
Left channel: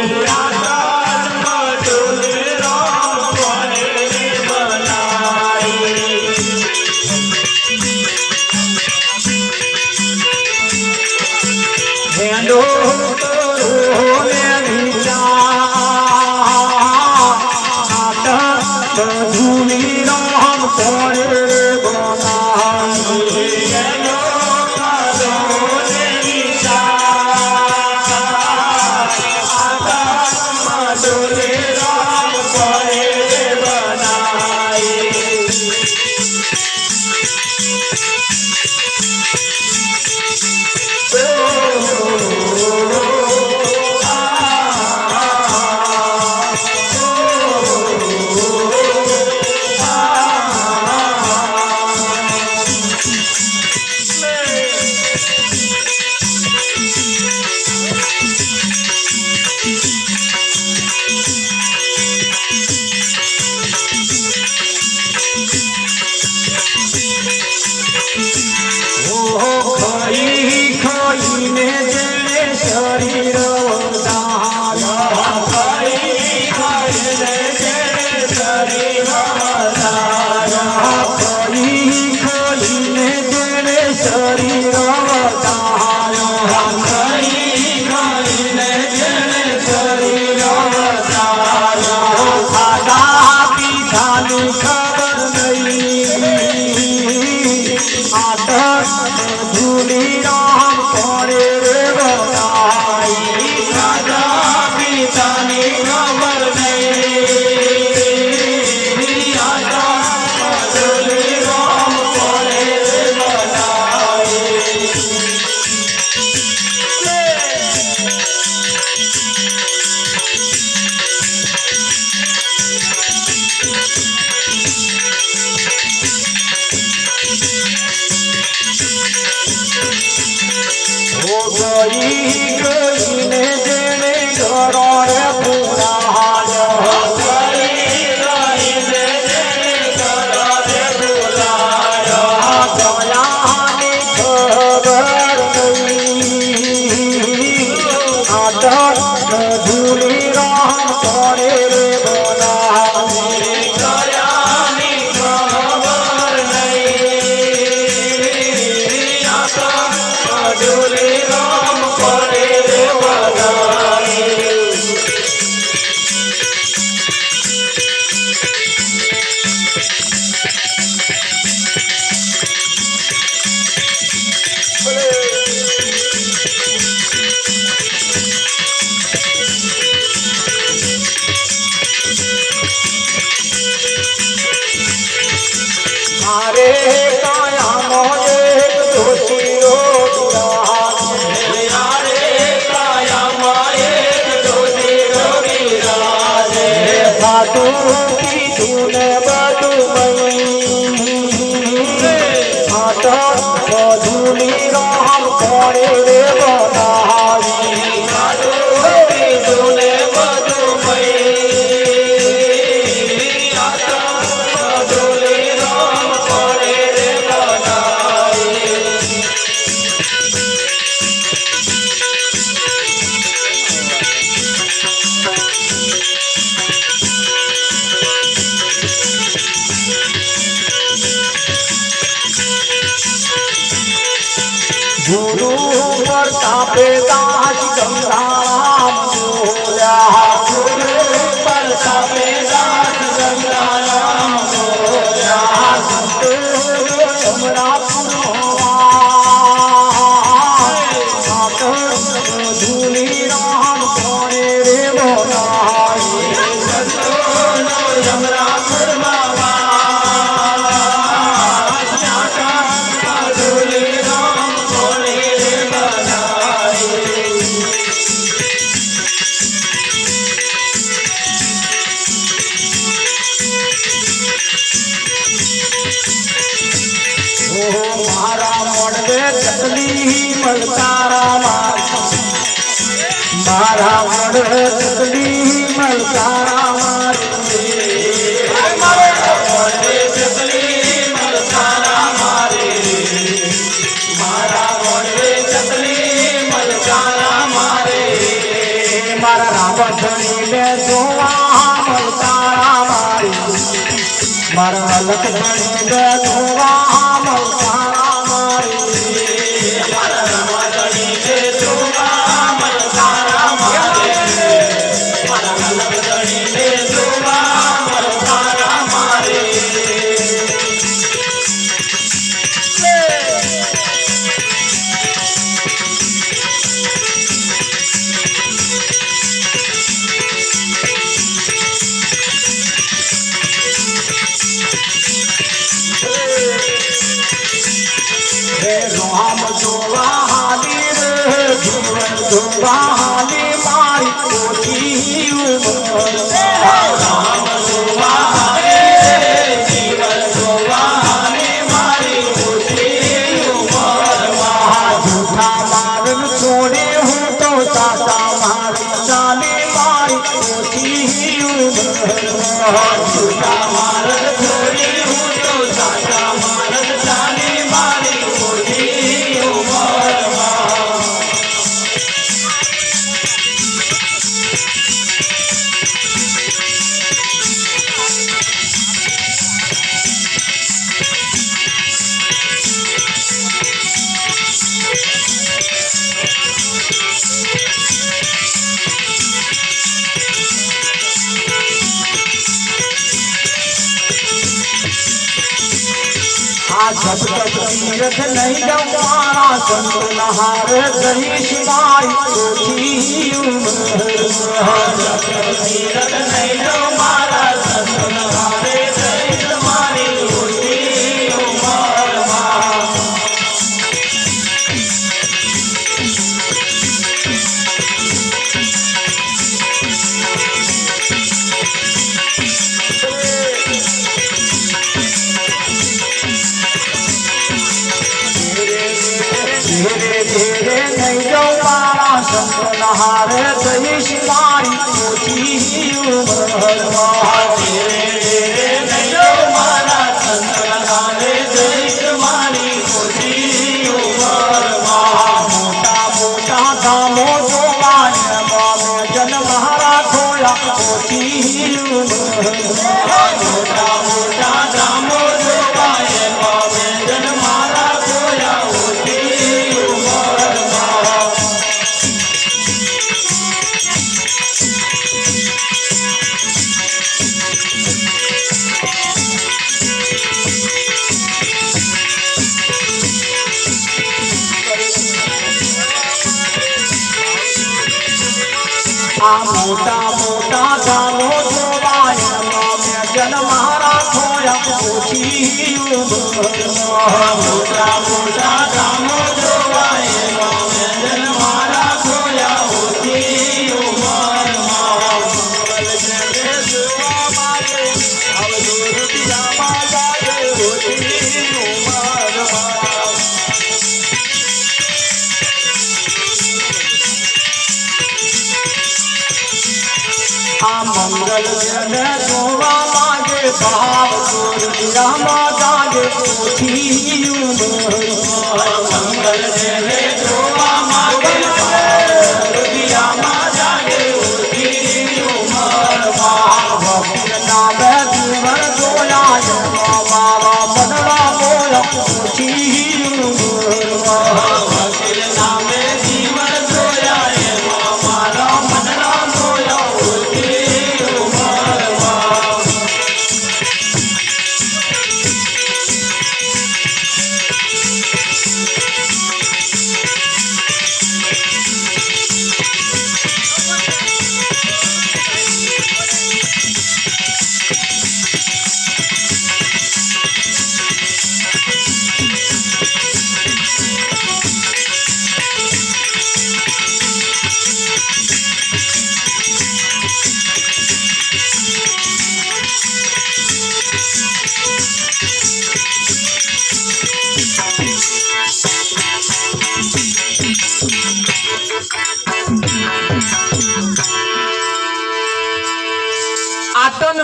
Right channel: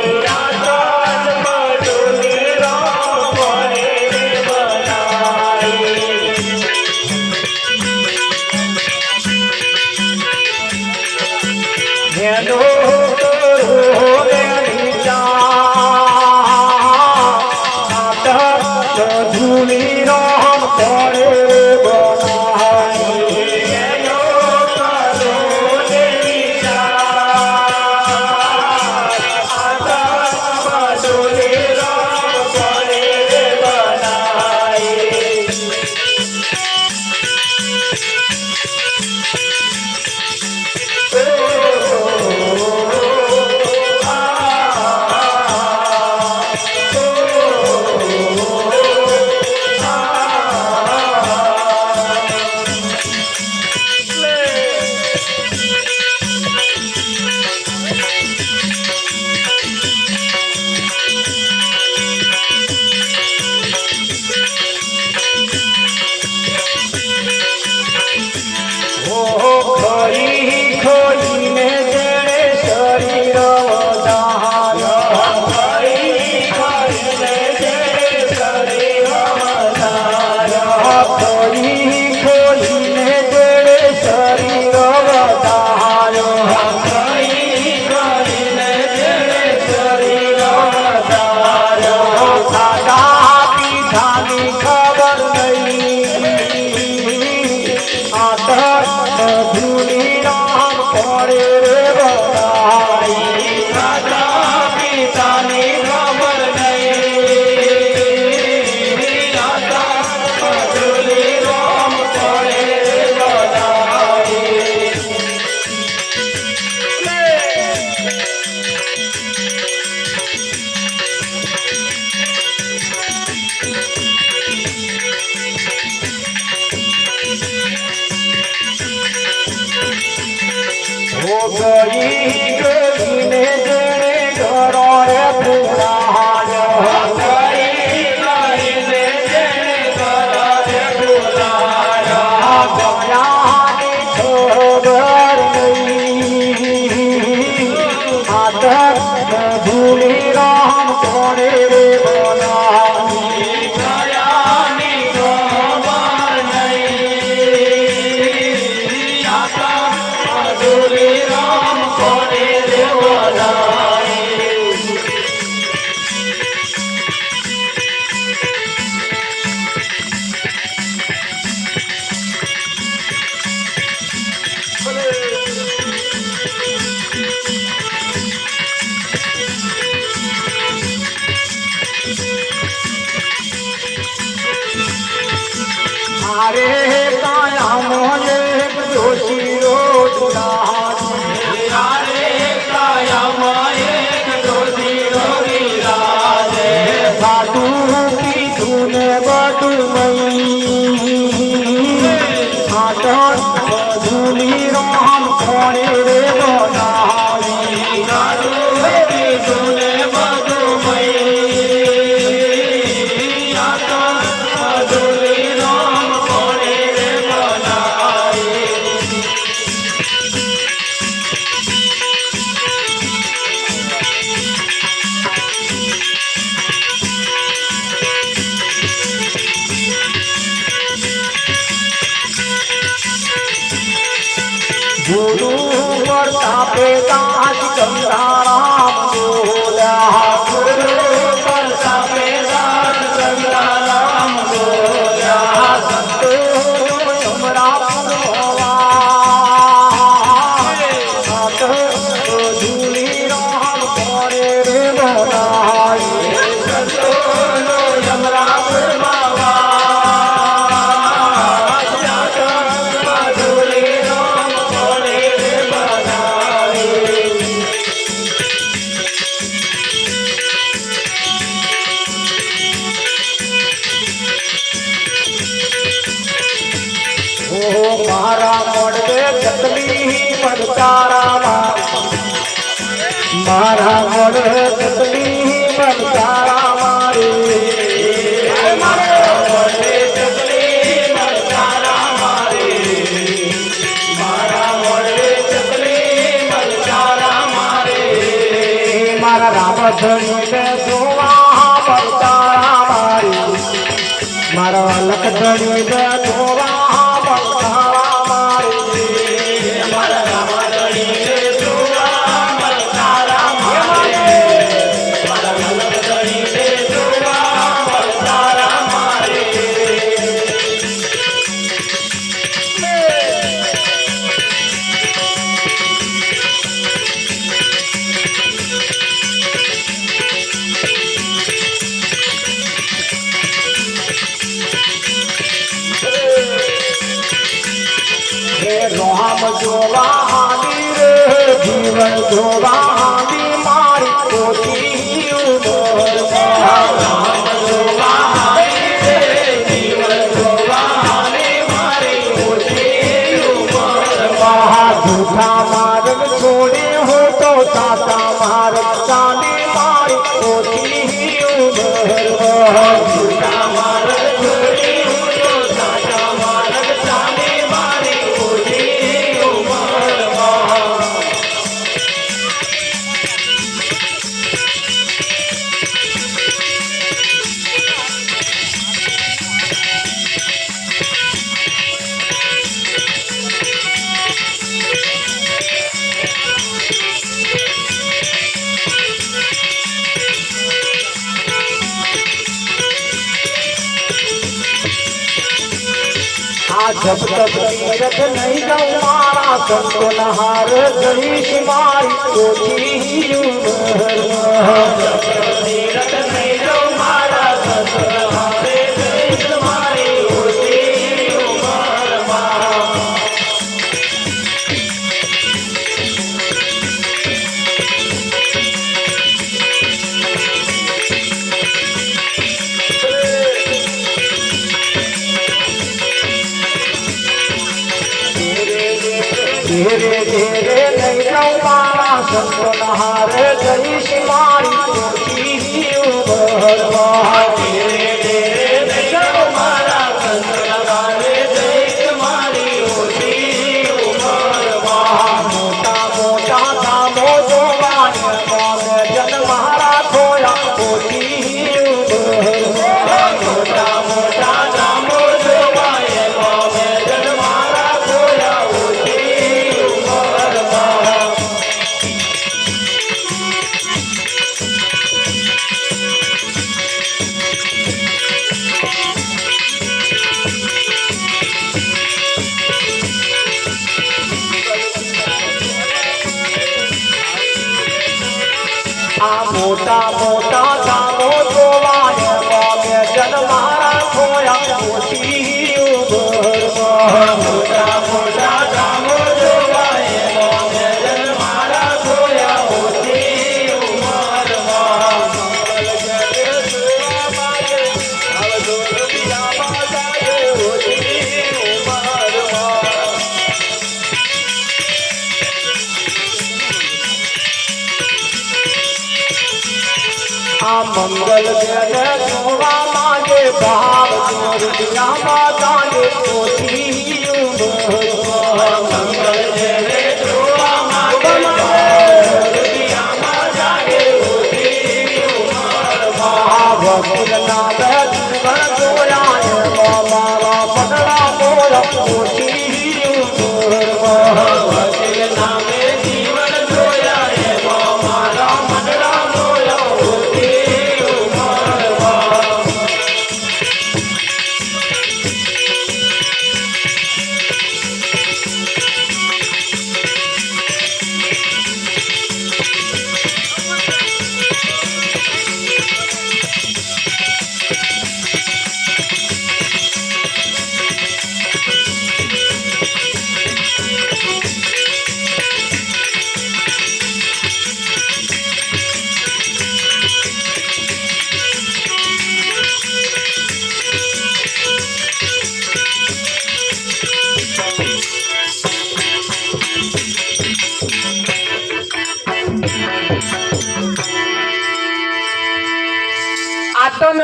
ઓહો મારા મોડવે ચકલી મલકારા મારા મોડવે ચકલી મલકારા ધણીને જોવા મલકારા મારી મારા લખ ધણીને જોવા મલકારા મારી મારા રામા ધણીને જોવા મલકારા મારી મારા લખ ધણીને જોવા મલકારા મારી જોવાની મારી પોતી ઉમર જૂઠા માર્ગ છોડી હું તો સાચા માર્ગ ચાલી મારી પોતી ઉમર જૂઠા માર્ગ છોડી હું તો સાચા માર્ગ ચાલી મારી પોતી ઉમર जब तक तीरथ नहीं जाऊं मारा संतो नहार करीश मारी पोती उमर जब तक तीरथ नहीं जाऊं मारा संतो नहार करीश मारी पोती उमर धीरे धीरे नहीं जाऊं मारा संतो नहार करीश मारी पोती उमर धीरे धीरे नहीं जाऊं मारा संतो नहार करीश मारी पोती उमर मोटा मोटा दामो जोवाने जन महारा खोया पोती उमर मोटा मोटा दामो जोवाने जन महारा खोया मोटा मोटा दानो जोवाने जन मारा खोया पोती उमर मोटा मोटा दानो जोवाने जन मारा खोया पोती उमर मंगल ने जोवा मांगे भाव जोर दिया माता जे पोती उमर मंगल ने जोवा मांगे भाव दिया माता जे पोती उमर भाव नाम जीवन जोया मारा बदला मोर पोती उमर नाम जीवन जोया मारा बदला मोर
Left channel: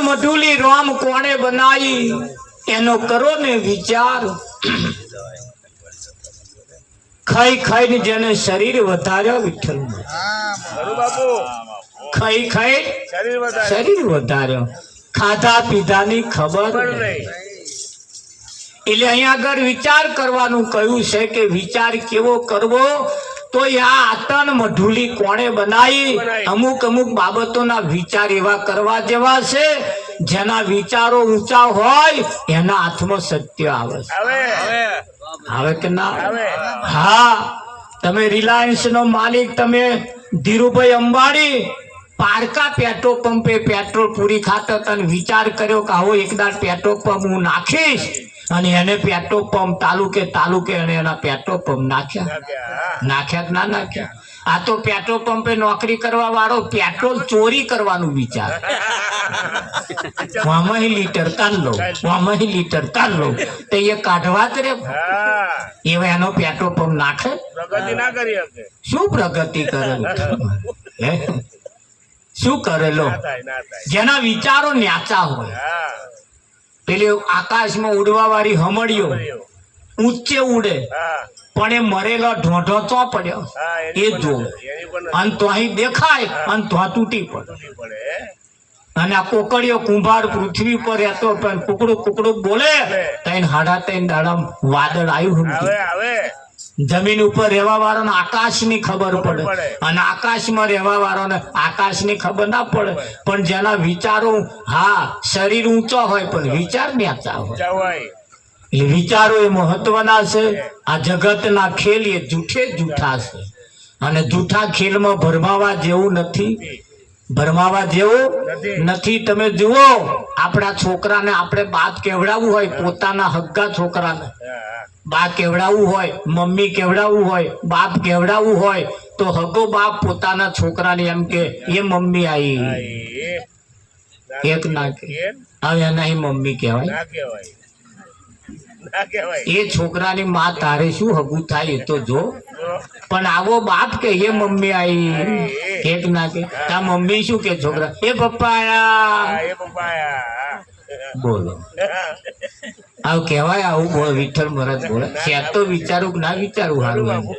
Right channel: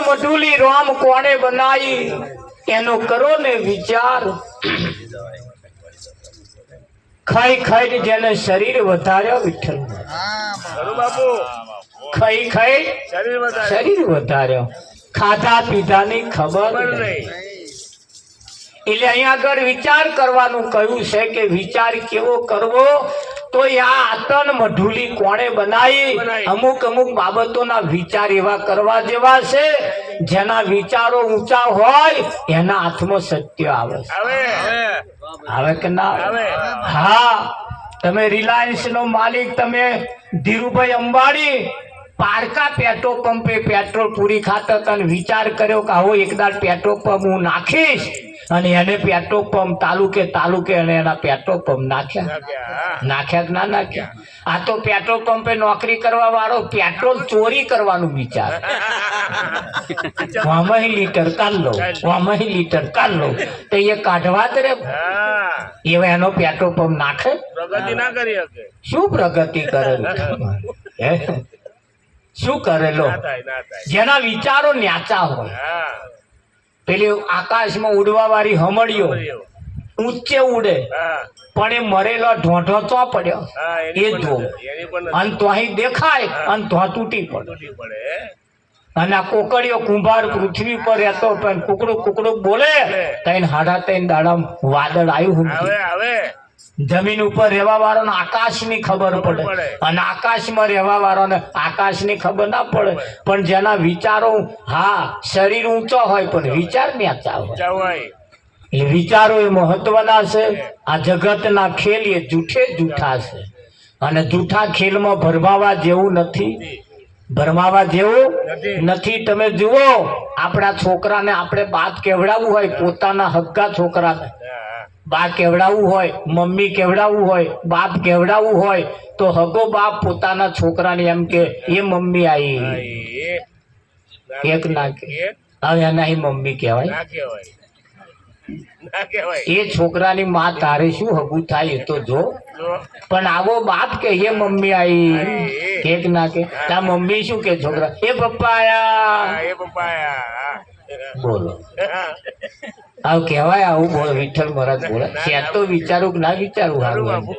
મઢુલી રામ કોણે બનાવી એનો કરો ને વિચાર. ખાઈ ખાઈને જેને શરીર વધાર્યા વિઠ્ઠલ, ખરું બાપુ, ખાઈ ખાઈ શરીર વધારે શરીર વધાર્યો, ખાધા પીધાની ખબર ખબર નહીં. નહીં. એટલે અહીંયા આગળ વિચાર કરવાનું કહ્યું છે કે વિચાર કેવો કરવો. તો આ આતન મઢુલી કોણે બનાવી? અમુક અમુક બાબતોના વિચાર એવા કરવા જેવા છે જેના વિચારો ઊંચા હોય એના હાથમાં સત્ય આવે. આવે આવે કે ના આવે. હા, તમે રિલાયન્સ નો માલિક, તમે ધીરુભાઈ અંબાણી પારકા પેટ્રોલ પંપે પેટ્રોલ પૂરી ખાતા હતા અને વિચાર કર્યો કે આવો એકદાર પેટ્રોલ પંપ હું નાખીશ, અને એને પેટ્રોલ પંપ તાલુકે અને એના પેટ્રોલ પંપ નાખ્યા. નાખ્યા કે ના નાખ્યા? આ તો પેટ્રોલ પંપે નોકરી કરવા વાળો પેટ્રોલ ચોરી કરવાનું વિચાર. આમાં લીટર કાઢ લો, આમાં લીટર કાઢ લો, તો એ કાઢવા જ રે. હા, એવા એનો પેટ્રોલ પંપ નાખે? પ્રગતિ ના કરી શકે. શું પ્રગતિ કરેલો? હે? શું કરેલો? ના થાય, ના થાય. જેના વિચારો ન્યાચા હોય. હા, પેલી આકાશમાં ઉડવા વાળી હમણીઓ બળ્યો. ઊંચે ઉડે હા, પણ એ મરેલો ઢોઢો તો પડ્યો હા, એ એની જો, પણ અને તો અહીં દેખાય અને તો તૂટી પડે. તૂટી પડે. અને આ કોકડીઓ કુંભાર પૃથ્વી પર રહેતો પણ કુકડું બોલે તઈને 3.5 દાડા વાદળ આવ્યું. આવે આવે. જમીન ઉપર રહેવા વાળાને આકાશની ખબર પડે પડે. અને આકાશમાં રહેવા વાળાને આકાશની ખબર ના પડે. પણ જેના વિચારો, હા, શરીર ઊંચો હોય પણ વિચાર ન્યાચા હોય. જવાય. એ વિચારો એ મહત્વના છે. આ જગતના ખેલ એ જૂઠા છે, અને જૂઠા ખેલમાં ભરમાવા જેવું નથી. ભરમાવા જેવું નથી. તમે જુઓ, આપણા છોકરાને આપણે બાપ કેવડાવવું હોય, પોતાના હગ્ગા છોકરાને હા, બા કેવડાવવું હોય, મમ્મી કેવડાવવું હોય, બાપ કેવડાવવું હોય, તો હગો બાપ પોતાના છોકરાને એમ કે એ મમ્મી હા, આવી. એ એક ના કે કેમ? હવે એના મમ્મી કહેવાય. ના કહેવાય. ના કહેવાય. એ છોકરાની માં તારે શું હગું થાય એ તો જો. જો. પણ આવો બાપ કે એ મમ્મી આવી. એક ના કે તા મમ્મી શું કે છોકરા એ પપ્પા હા, આયા. એ પપ્પાયા. બોલો, આવું કહેવાય? આવું બોલ વિઠ્ઠલ મહારાજ બોલે છે. તો વિચારું કે ના વિચારું ખરું હારું બાપુ.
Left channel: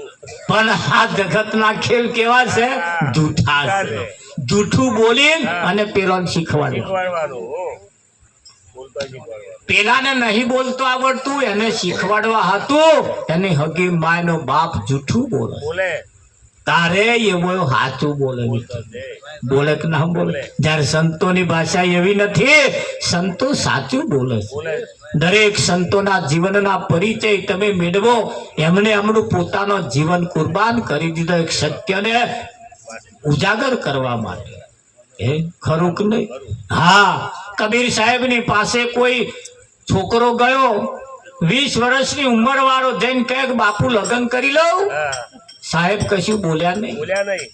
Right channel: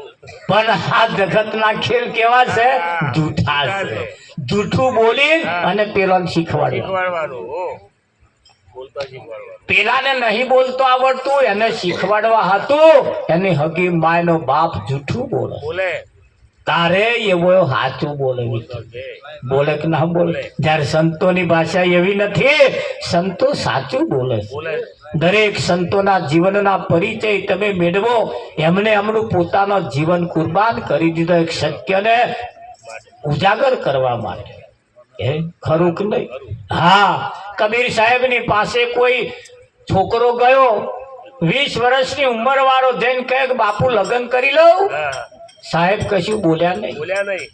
પણ આ જગતના ખેલ કેવા છે? જૂઠા છે. જૂઠું બોલી અને પેલો શીખવાડ્યું. શીખવાડવાનું. બોલતા શીખવાડવાનું. પેલાને નહીં બોલતો આવડતું, એને શીખવાડવા હતું. એની હગી માયનો બાપ જૂઠું બોલે, બોલે. તારે એવો સાચું બોલે. બોલતો છે. બોલે કે ના બોલે? જયારે સંતોની ભાષા એવી નથી, સંતો સાચું બોલે છે. બોલે. દરેક સંતોના જીવનના પરિચય તમે મેળવો. એમણે એમનું પોતાનું જીવન કુરબાન કરી દીધો એક સત્યને ઉજાગર કરવા માટે. એ ખરું કે નહીં? હા, કબીર સાહેબની પાસે કોઈ છોકરો ગયો, 20 વર્ષની ઉંમર વાળો, જઈને કહે કે બાપુ લગ્ન કરી લઉં. હા, સાહેબ કશું બોલ્યા નહીં. બોલ્યા નહીં.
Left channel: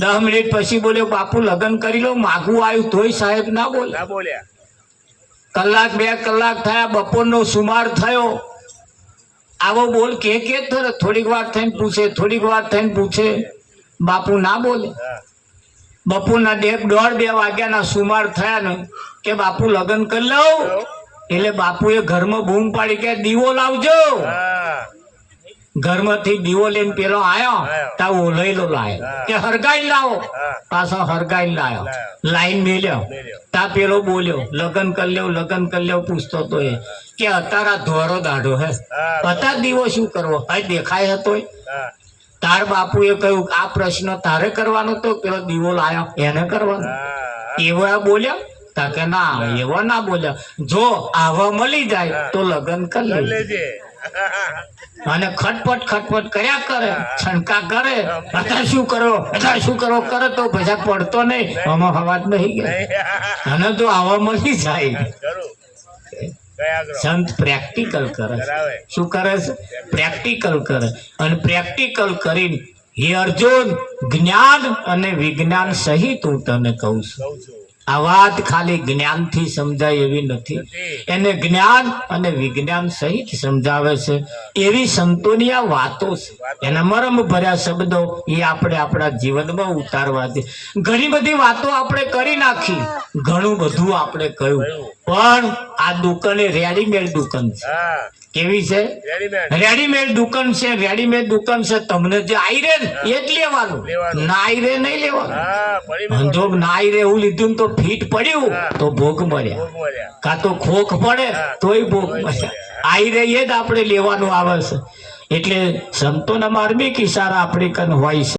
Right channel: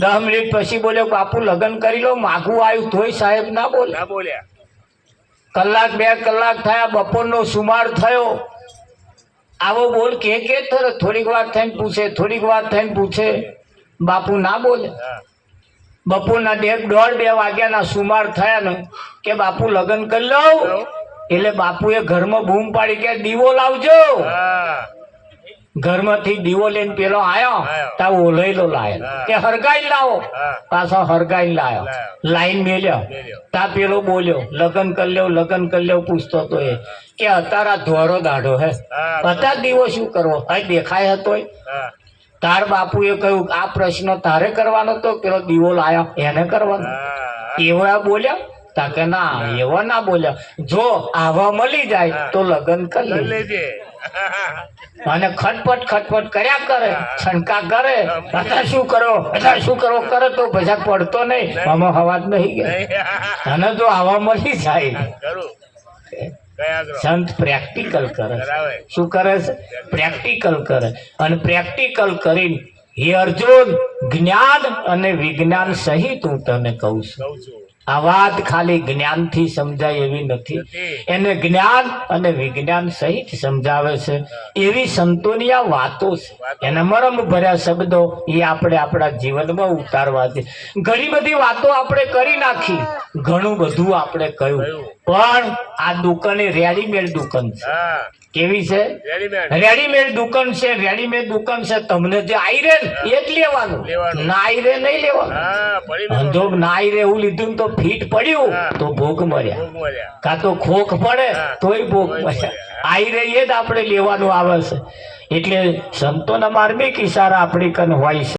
10 મિનિટ પછી બોલ્યો બાપુ લગ્ન કરી લો. માગું આવ્યું તોય સાહેબ ના બોલે. ના બોલ્યા. કલાક 2 કલાક થયા, બપોરનો સુમાર થયો. આવો બોલ કે થોડીક વાર થઈને પૂછે, થોડીક વાર થઈને પૂછે. બાપુ ના બોલે. હા, બપોરના 1:30-2 વાગ્યાના સુમાર થયા ને કે બાપુ લગ્ન કરી લઉં. એટલે બાપુએ ઘરમાં બૂમ પાડી કે દીવો લાવજો. હા, ઘરમાંથી દીવો લઈને પેલો આયો, તા ઓલૈલો લાયો કે હરગાઈ લાવો. હા, પાછો હરગાઈ લાયો, લાઈન મેલ્યો. મેલ્યો. તા પેલો બોલ્યો લગ્ન કરી લેવું પૂછતો તો એ કે અત્યારે ધોરો દાઢો હે, હા. અત્યારે દીવો શું કરવો? ભાઈ દેખાય હતો. હા, તાર બાપુએ કહ્યું આ પ્રશ્ન તારે કરવાનો તો પેલો દીવો લાયો એને કરવાનો. હા. એવા બોલ્યા? તા કે ના, એવા ના બોલ્યા. જો આવા મળી જાય તો લગ્ન કરી કરી લે. લેજે. અને ખટપટ કર્યા કરે, છણકા કરે. અત્યારે શું કરો કરે તો ભજા પડતો નહીં. આમાં અવાજ નહીં ગયા. નહીં. અને તો આવા મળી જાય. કરું. કયા ગ્રહ? સંત પ્રેક્ટિકલ કરે છે. કરાવે. શું કરે છે? પ્રેક્ટિકલ કરે. અને પ્રેક્ટિકલ કરીને હે અર્જુન, જ્ઞાન અને વિજ્ઞાન સહિત હું તને કહું છું, કહું છું. આ વાત ખાલી જ્ઞાનથી સમજાય એવી નથી. નથી. એને જ્ઞાન અને વિજ્ઞાન સહિત સમજાવે છે. એવી સંતોની આ વાતો છે. એના મરમ ભર્યા શબ્દો એ આપણે આપણા જીવનમાં ઉતારવા છે. ઘણી બધી વાતો આપણે કરી નાખી, ઘણું બધું આપણે કહ્યું, પણ આ દુકાન એ રેડીમેડ દુકાન છે. હા કેવી છે? રેડીમેડ રેડીમેડ દુકાન છે. રેડીમેડ દુકાન છે. તમને જે આઈ રે ને એ જ લેવાનું, લેવાનું. ના આઈ રે નહીં લેવાનું. હા પડી ધંધો ના આઈ રે એવું લીધું ને તો ફીટ પડ્યું હા. તો ભોગ મળ્યા, ભોગ મળ્યા. કાં તો ખોખ પડે હા. તોય ભોગ તોય મળ્યા. મળ્યા. આઈ રે એ જ આપણે લેવાનું આવે છે. એટલે સંતોના માર્મિક ઈશારા આપણી કન હોય છે.